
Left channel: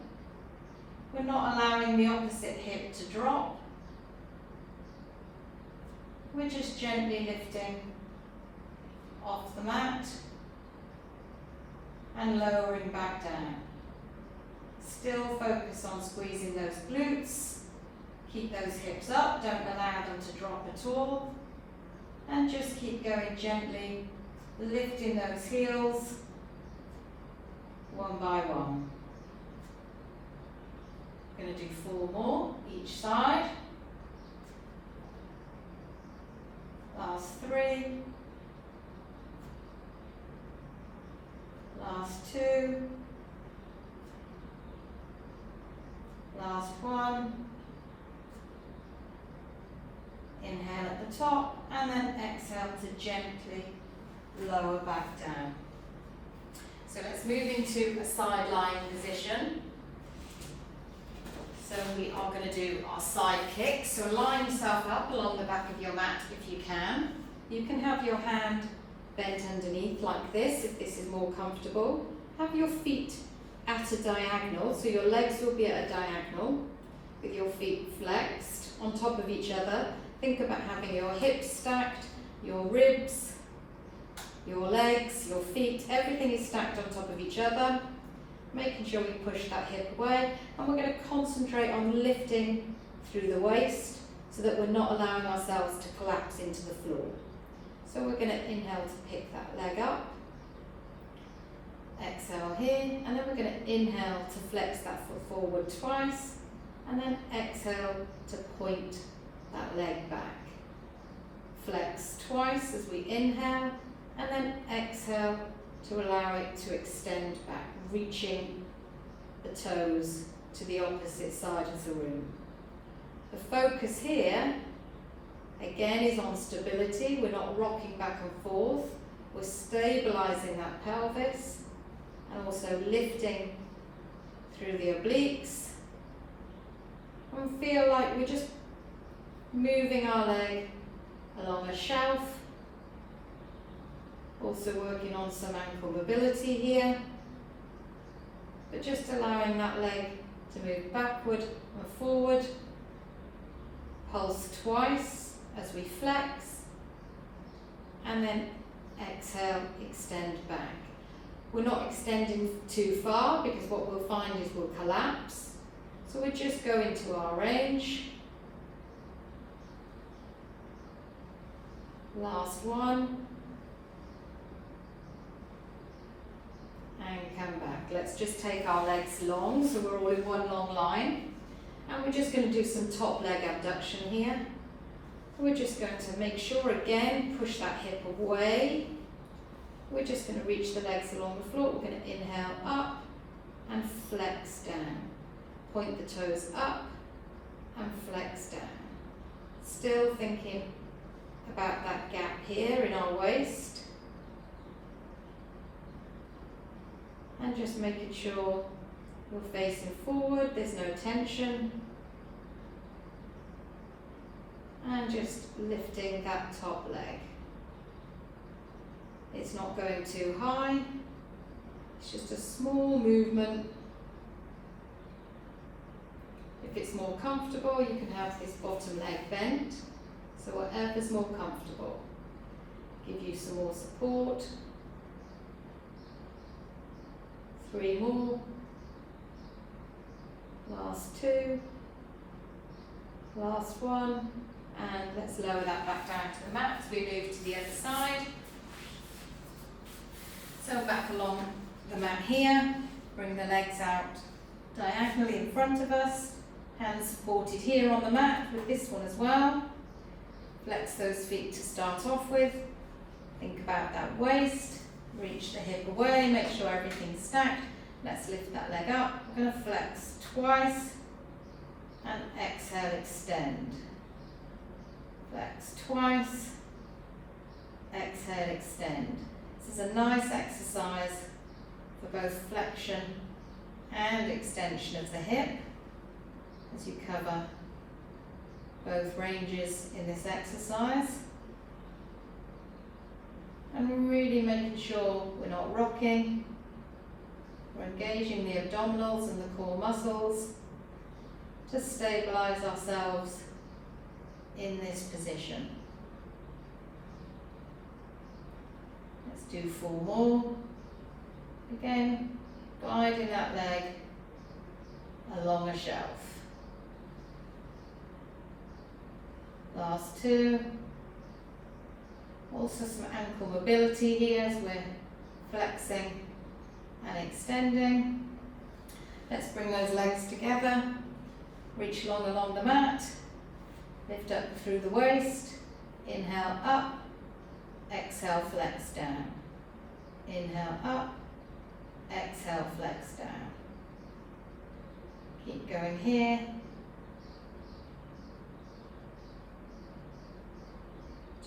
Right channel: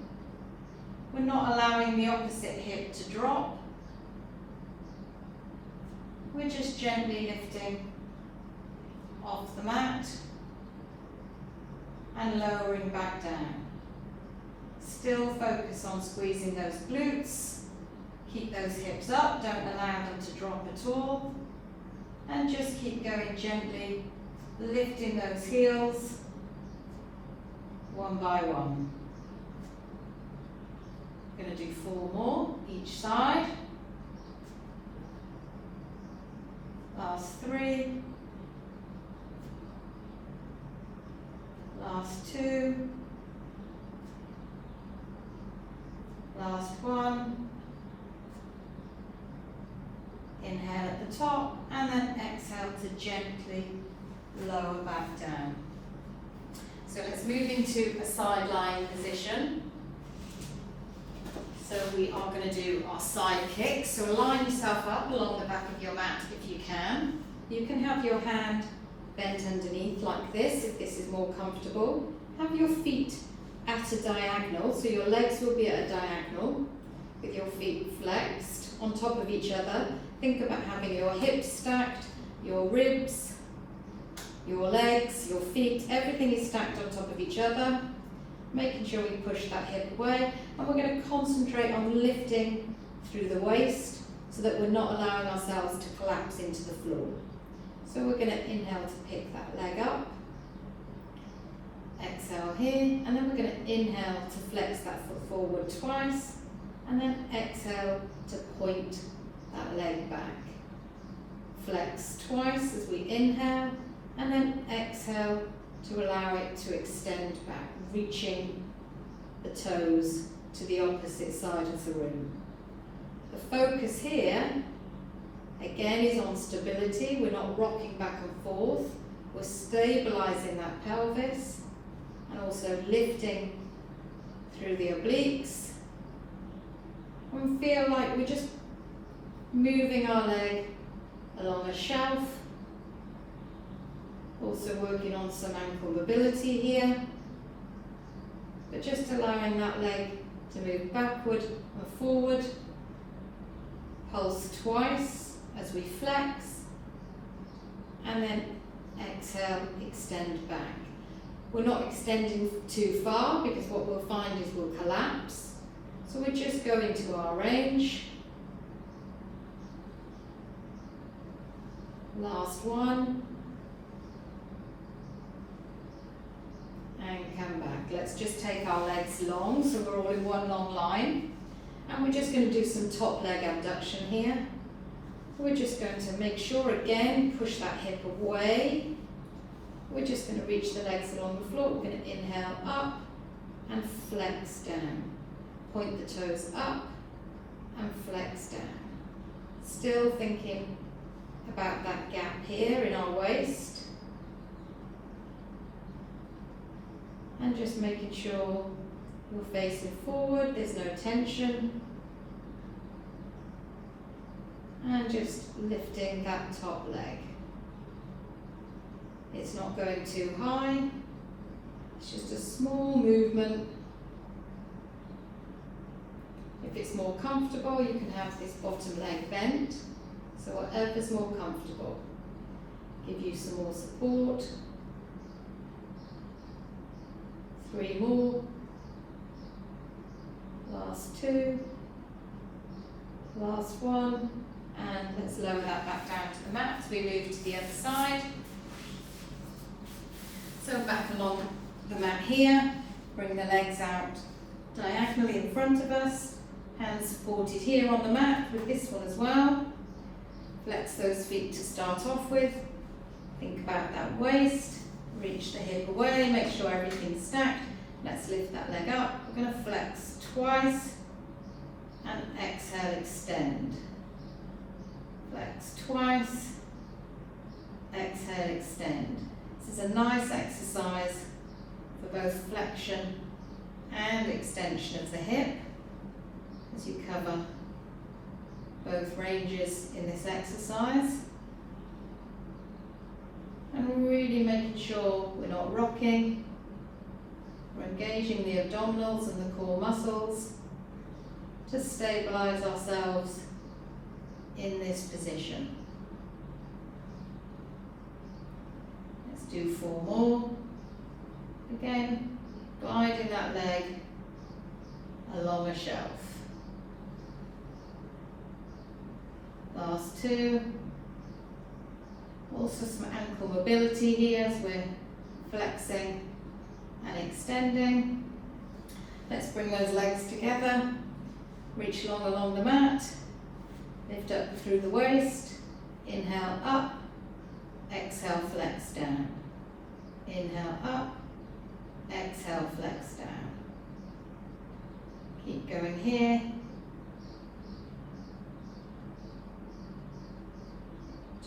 we're not allowing the opposite hip to drop. We're just gently lifting off the mat and lowering back down. Still focus on squeezing those glutes. Keep those hips up, don't allow them to drop at all. And just keep going gently, lifting those heels one by one. I'm going to do 4 more each side. Last 3. Last 2. Last 1. Inhale at the top and then exhale to gently lower back down. So let's move into a side lying position. So we are going to do our side kick. So line yourself up along the back of your mat if you can. You can have your hand bent underneath like this if this is more comfortable. Have your feet at a diagonal, so your legs will be at a diagonal with your feet flexed on top of each other. Think about having your hips stacked, your ribs, your legs, your feet, everything is stacked on top of each other, making sure we push that hip away, and we're going to concentrate on lifting through the waist so that we're not allowing ourselves to collapse into the floor. So we're going to inhale to pick that leg up, exhale here, and then we're going to inhale to flex that foot forward twice, and then exhale to point that leg back. Flex twice as we inhale, and then exhale to allow it to extend back, reaching the toes to the opposite side of the room. The focus here, again, is on stability. We're not rocking back and forth. We're stabilizing that pelvis and also lifting through the obliques. And feel like we're just moving our leg along a shelf. Also working on some ankle mobility here. But just allowing that leg to move backward and forward. Pulse twice as we flex. And then exhale, extend back. We're not extending too far because what we'll find is we'll collapse. So we're just going to our range. Last one. And come back. Let's just take our legs long, so we're all in one long line. And we're just going to do some top leg abduction here. We're just going to make sure, again, push that hip away. We're just going to reach the legs along the floor. We're going to inhale up and flex down. Point the toes up and flex down. Still thinking about that gap here in our waist. And just making sure you're facing forward, there's no tension. And just lifting that top leg. It's not going too high, it's just a small movement. If it's more comfortable, you can have this bottom leg bent, so whatever's more comfortable. Give you some more support. 3 more. Last 2. Last 1. And let's lower that back down to the mat as we move to the other side. So back along the mat here, bring the legs out diagonally in front of us, hands supported here on the mat with this one as well. Flex those feet to start off with. Think about that waist, reach the hip away, make sure everything's stacked. Let's lift that leg up. We're going to flex twice and exhale, extend. Flex twice, exhale, extend. This is a nice exercise for both flexion and extension of the hip as you cover both ranges in this exercise. And really making sure we're not rocking. We're engaging the abdominals and the core muscles to stabilize ourselves in this position. Let's do 4 more. Again, gliding that leg along a shelf. Last 2. Also some ankle mobility here as we're flexing and extending. Let's bring those legs together. Reach long along the mat. Lift up through the waist. Inhale up. Exhale, flex down. Inhale up. Exhale, flex down. Keep going here.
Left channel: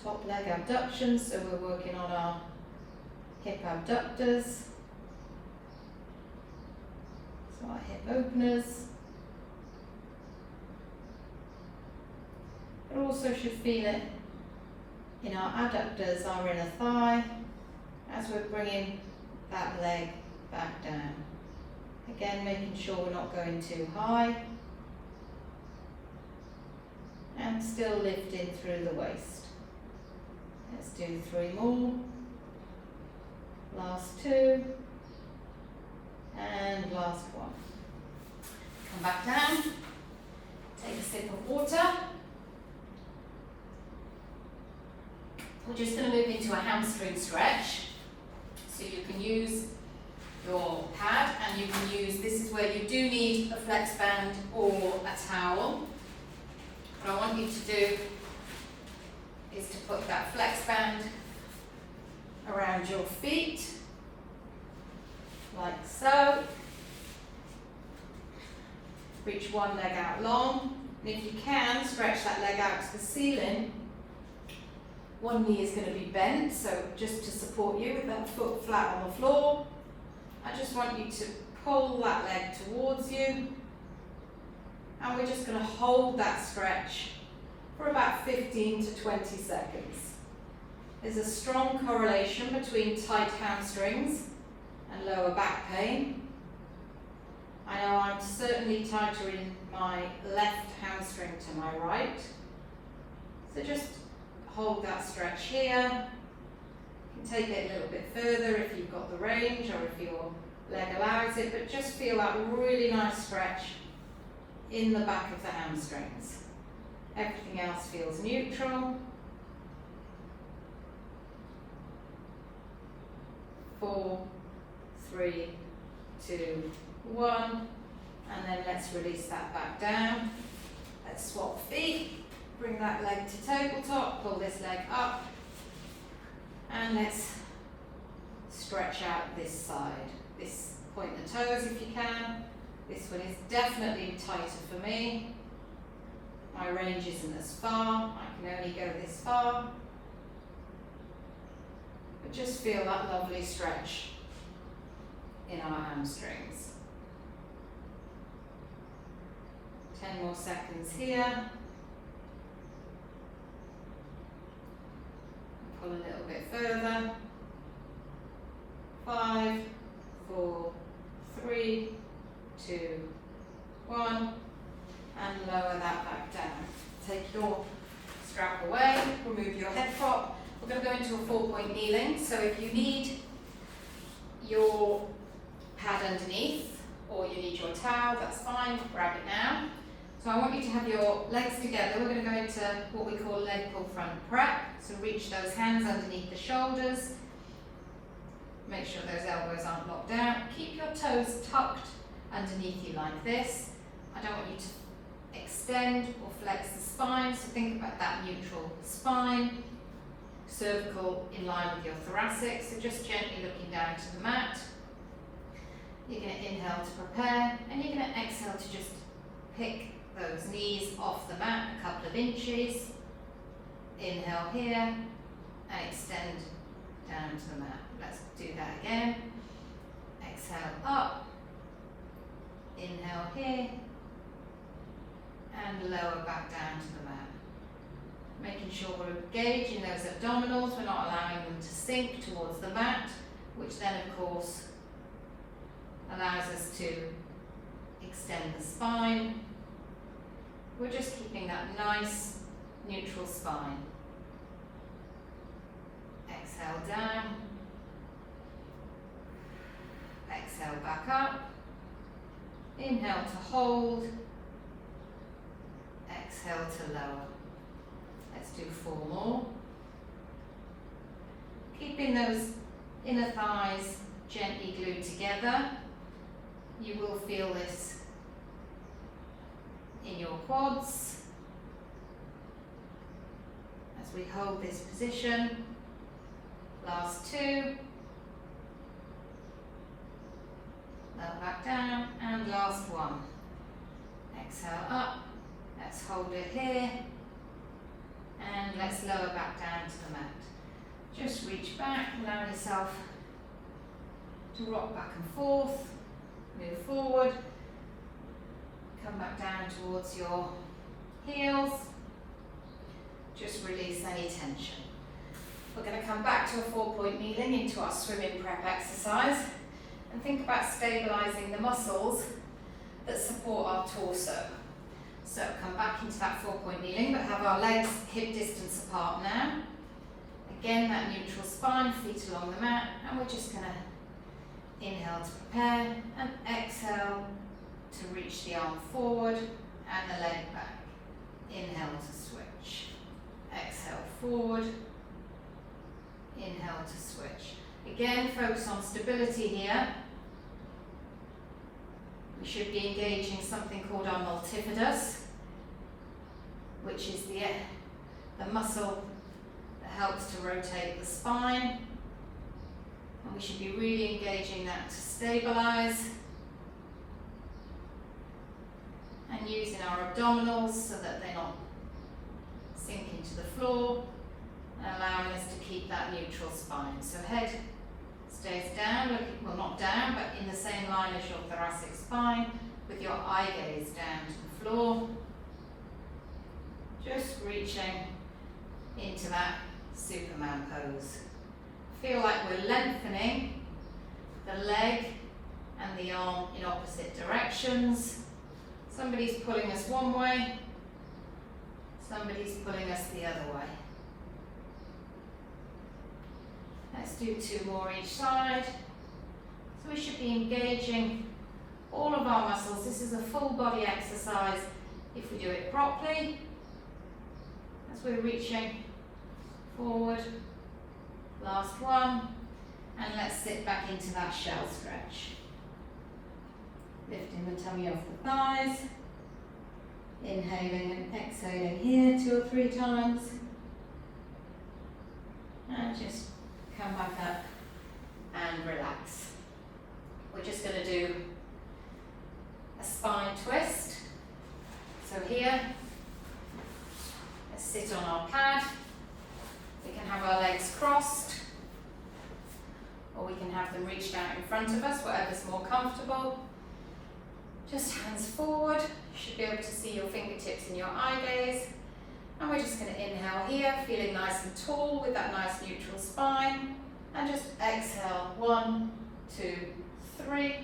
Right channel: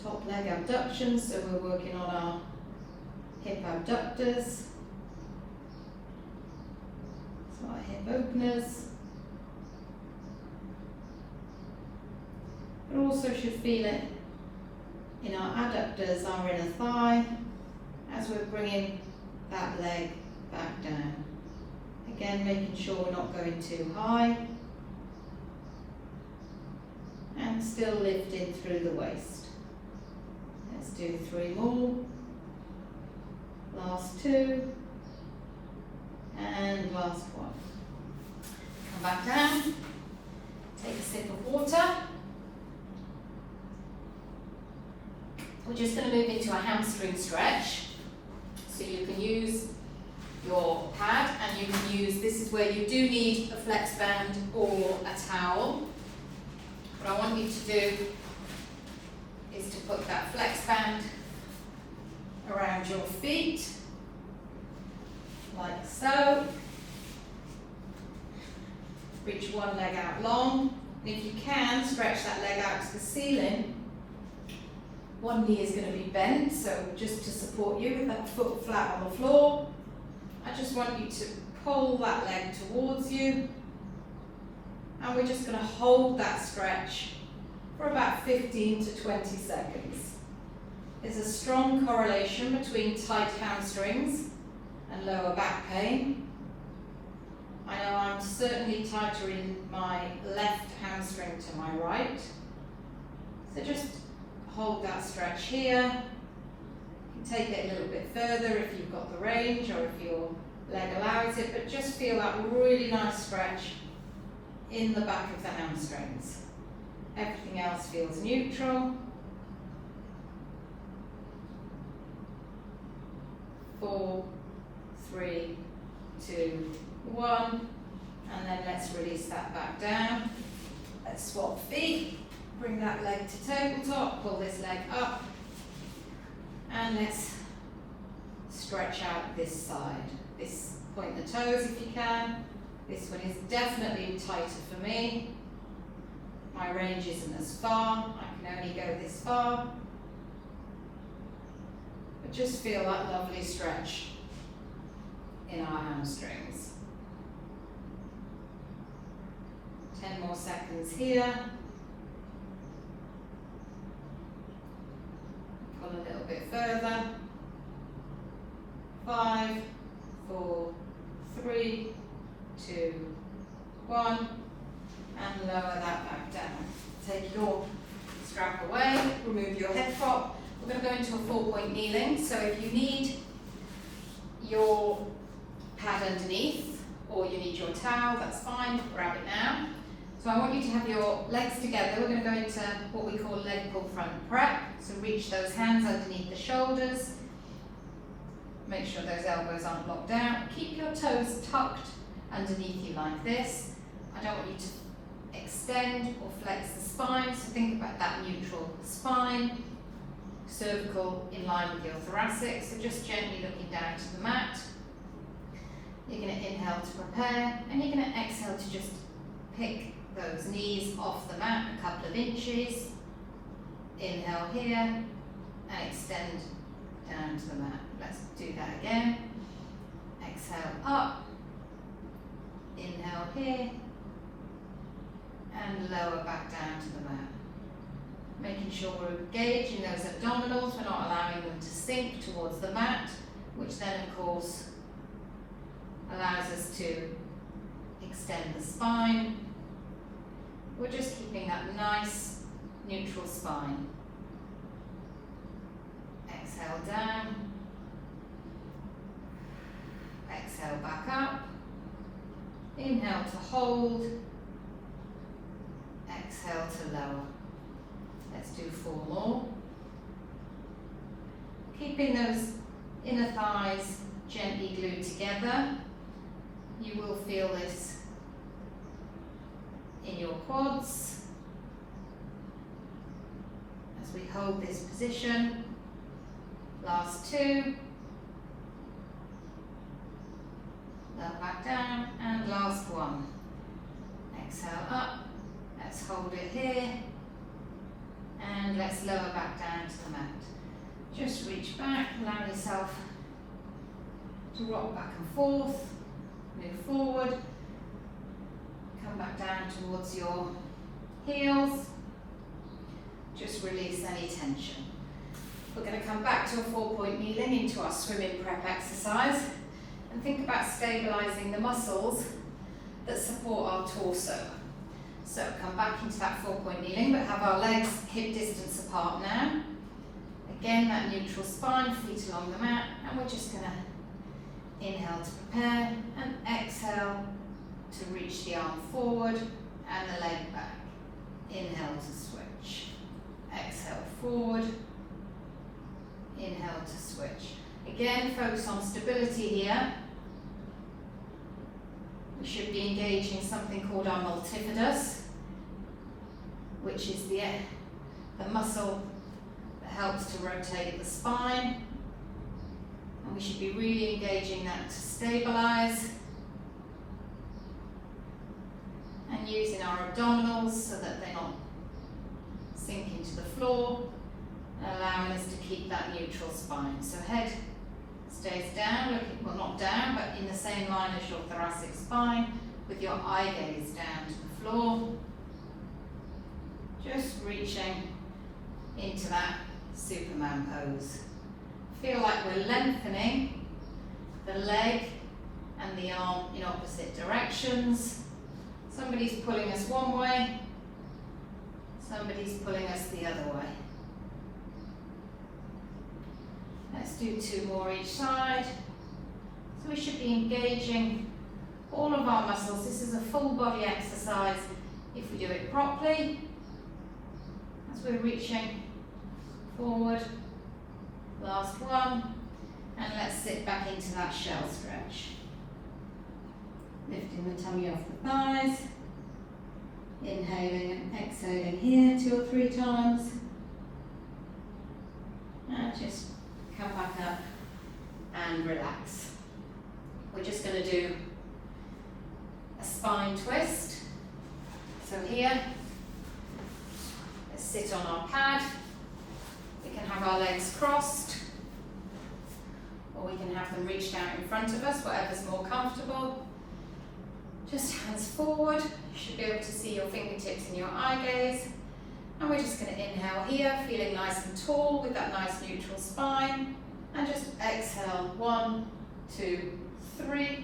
Top leg abductions, so we're working on our hip abductors. So our hip openers. But also should feel it in our adductors, our inner thigh, as we're bringing that leg back down. Again, making sure we're not going too high. And still lifting through the waist. Let's do 3 more. Last 2. And last 1. Come back down. Take a sip of water. We're just going to move into a hamstring stretch. So you can use your pad and you can use, this is where you do need a flex band or a towel. What I want you to do is to put that flex band around your feet, like so. Reach one leg out long, and if you can, stretch that leg out to the ceiling. One knee is going to be bent, so just to support you with that foot flat on the floor, I just want you to pull that leg towards you, and we're just going to hold that stretch for about 15 to 20 seconds. There's a strong correlation between tight hamstrings and lower back pain. I know I'm certainly tighter in my left hamstring to my right. So just hold that stretch here. You can take it a little bit further if you've got the range or if your leg allows it, but just feel that really nice stretch in the back of the hamstrings. Everything else feels neutral. 4, 3, 2, 1. And then let's release that back down. Let's swap feet. Bring that leg to tabletop. Pull this leg up. And let's stretch out this side. Point the toes if you can. This one is definitely tighter for me. My range isn't as far. I can only go this far. But just feel that lovely stretch in our hamstrings. 10 more seconds here. Pull a little bit further. 5, 4, 3, 2, 1, and lower that back down. Take your strap away, remove your head prop. We're going to go into a 4-point kneeling, so if you need your pad underneath or you need your towel, that's fine, grab it now. So I want you to have your legs together. We're going to go into what we call leg pull front prep, so reach those hands underneath the shoulders. Make sure those elbows aren't locked out. Keep your toes tucked underneath you like this. I don't want you to extend or flex the spine, so think about that neutral spine. Cervical in line with your thoracic, so just gently looking down to the mat. You're going to inhale to prepare, and you're going to exhale to just pick those knees off the mat a couple of inches. Inhale here, and extend down to the mat. Let's do that again. Exhale up, inhale here, and lower back down to the mat. Making sure we're engaging those abdominals, we're not allowing them to sink towards the mat, which then of course allows us to extend the spine. We're just keeping that nice neutral spine. Exhale down, exhale back up, inhale to hold, exhale to lower. Let's do 4 more. Keeping those inner thighs gently glued together. You will feel this in your quads as we hold this position. Last 2. Lower back down, and last 1. Exhale up. Let's hold it here. And let's lower back down to the mat. Just reach back, allow yourself to rock back and forth, move forward, come back down towards your heels. Just release any tension. We're going to come back to a 4-point kneeling into our swimming prep exercise and think about stabilising the muscles that support our torso. So come back into that 4-point kneeling, but have our legs hip distance apart now. Again, that neutral spine, feet along the mat, and we're just going to inhale to prepare and exhale to reach the arm forward and the leg back. Inhale to switch. Exhale forward. Inhale to switch. Again, focus on stability here. We should be engaging something called our multifidus, which is the muscle that helps to rotate the spine. And we should be really engaging that to stabilize. And using our abdominals so that they're not sinking to the floor, and allowing us to keep that neutral spine. So head stays down, looking, well not down, but in the same line as your thoracic spine, with your eye gaze down to the floor. Just reaching into that Superman pose. Feel like we're lengthening the leg and the arm in opposite directions. Somebody's pulling us one way, somebody's pulling us the other way. Let's do 2 more each side. So we should be engaging all of our muscles. This is a full body exercise if we do it properly. As we're reaching forward, last 1, And let's sit back into that shell stretch. Lifting the tummy off the thighs. Inhaling and exhaling here 2 or 3 times. And just come back up and relax. We're just going to do a spine twist. So here, let's sit on our pad. We can have our legs crossed, or we can have them reached out in front of us, whatever's more comfortable. Just hands forward. You should be able to see your fingertips in your eye gaze. And we're just going to inhale here, feeling nice and tall with that nice neutral spine. And just exhale, 1, 2, 3.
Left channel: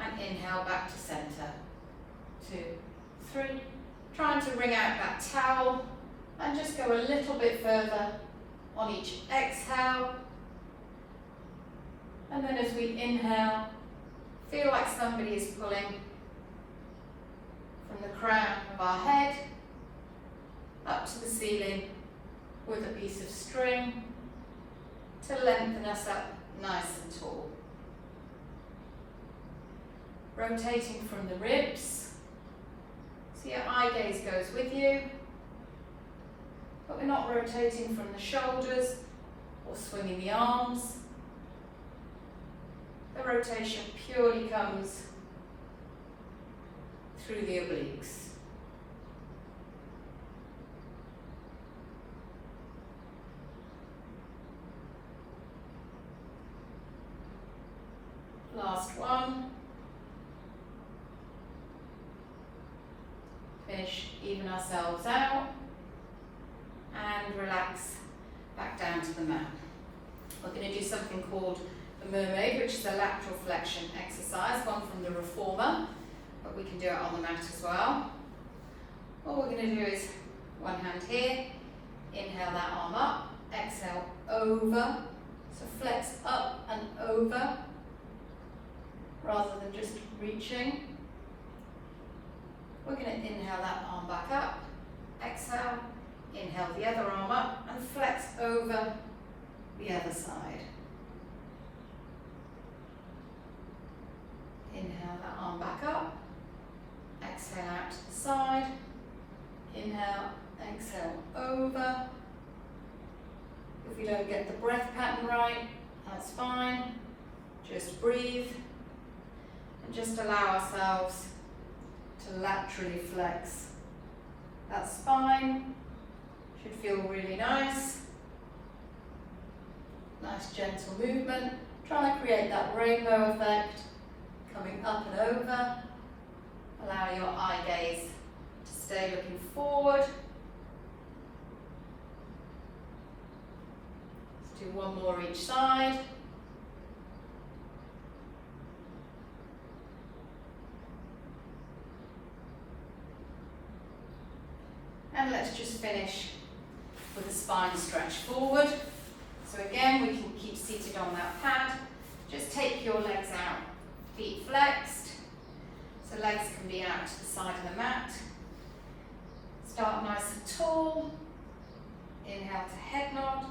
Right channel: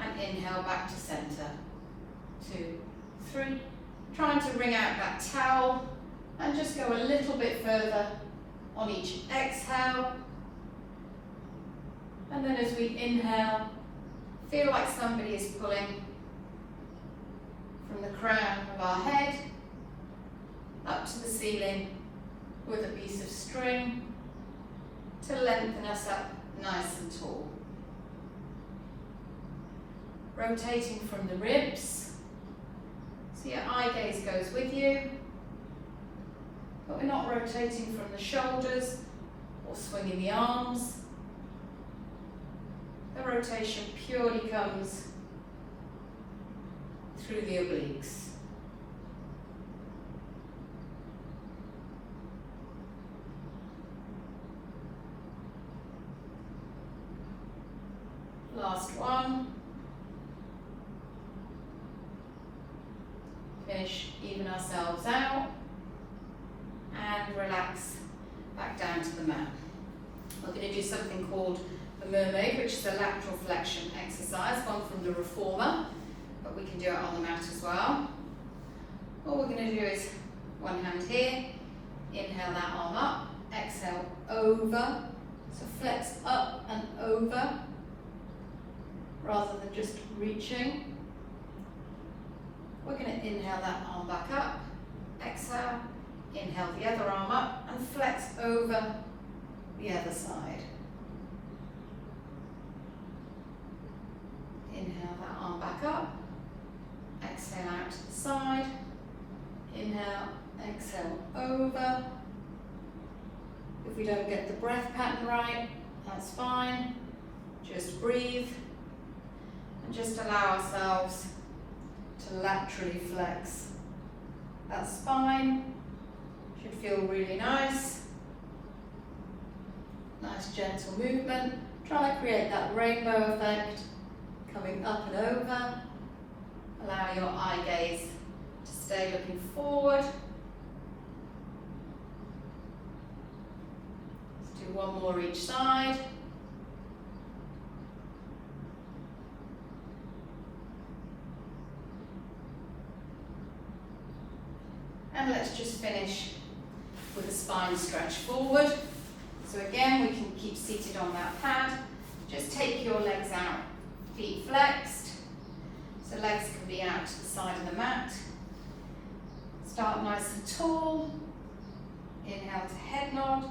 And inhale back to center. 2, 3. Trying to wring out that towel. And just go a little bit further on each exhale. And then as we inhale, feel like somebody is pulling from the crown of our head up to the ceiling with a piece of string to lengthen us up nice and tall. Rotating from the ribs, so your eye gaze goes with you, but we're not rotating from the shoulders or swinging the arms. The rotation purely comes through the obliques. Last one. Finish, even ourselves out, and relax back down to the mat. We're going to do something called the mermaid, which is a lateral flexion exercise, one from the reformer, but we can do it on the mat as well. All we're going to do is one hand here, inhale that arm up, exhale over, so flex up and over, rather than just reaching. We're going to inhale that arm back up, exhale, inhale the other arm up and flex over the other side. Inhale that arm back up, exhale out to the side, inhale, exhale over. If we don't get the breath pattern right, that's fine. Just breathe and just allow ourselves to laterally flex. That spine should feel really nice. Nice gentle movement. Try to create that rainbow effect, coming up and over. Allow your eye gaze to stay looking forward. Let's do one more each side. And let's just finish with the spine stretch forward. So again, we can keep seated on that pad. Just take your legs out, feet flexed. So legs can be out to the side of the mat. Start nice and tall. Inhale to head nod.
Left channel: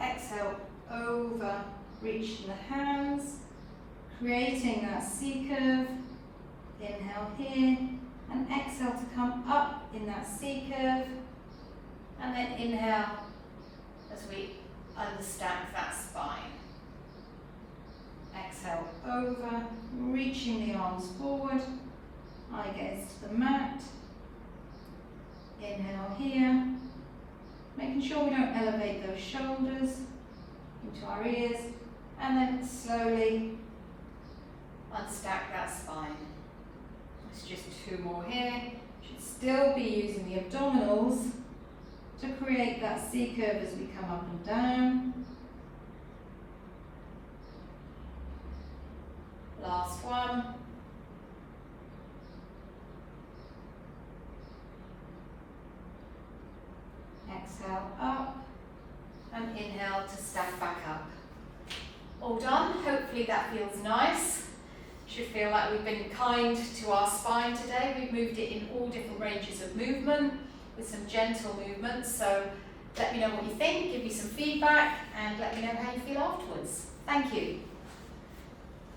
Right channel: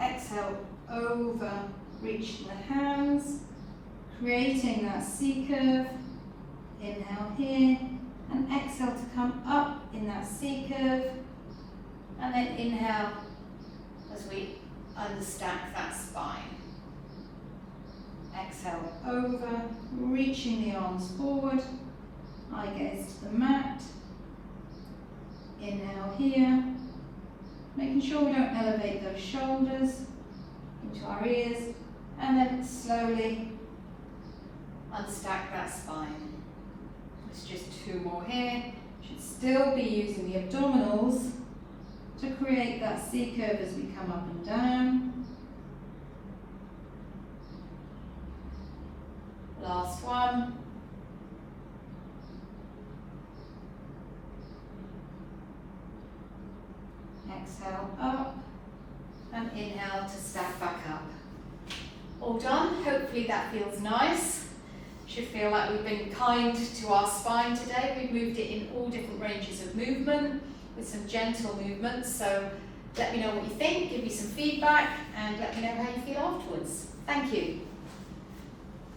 Exhale over, reaching the hands. Creating that C curve. Inhale here. And exhale to come up in that C curve. And then inhale as we understack that spine. Exhale over, reaching the arms forward. Eye gaze to the mat. Inhale here. Making sure we don't elevate those shoulders into our ears. And then slowly unstack that spine. It's just 2 more here. Should still be using the abdominals to create that C curve as we come up and down. Last one. Exhale up and inhale to stack back up. All done. Hopefully that feels nice. Should feel like we've been kind to our spine today. We've moved it in all different ranges of movement with some gentle movements. So let me know what you think, give me some feedback, and let me know how you feel afterwards. Thank you.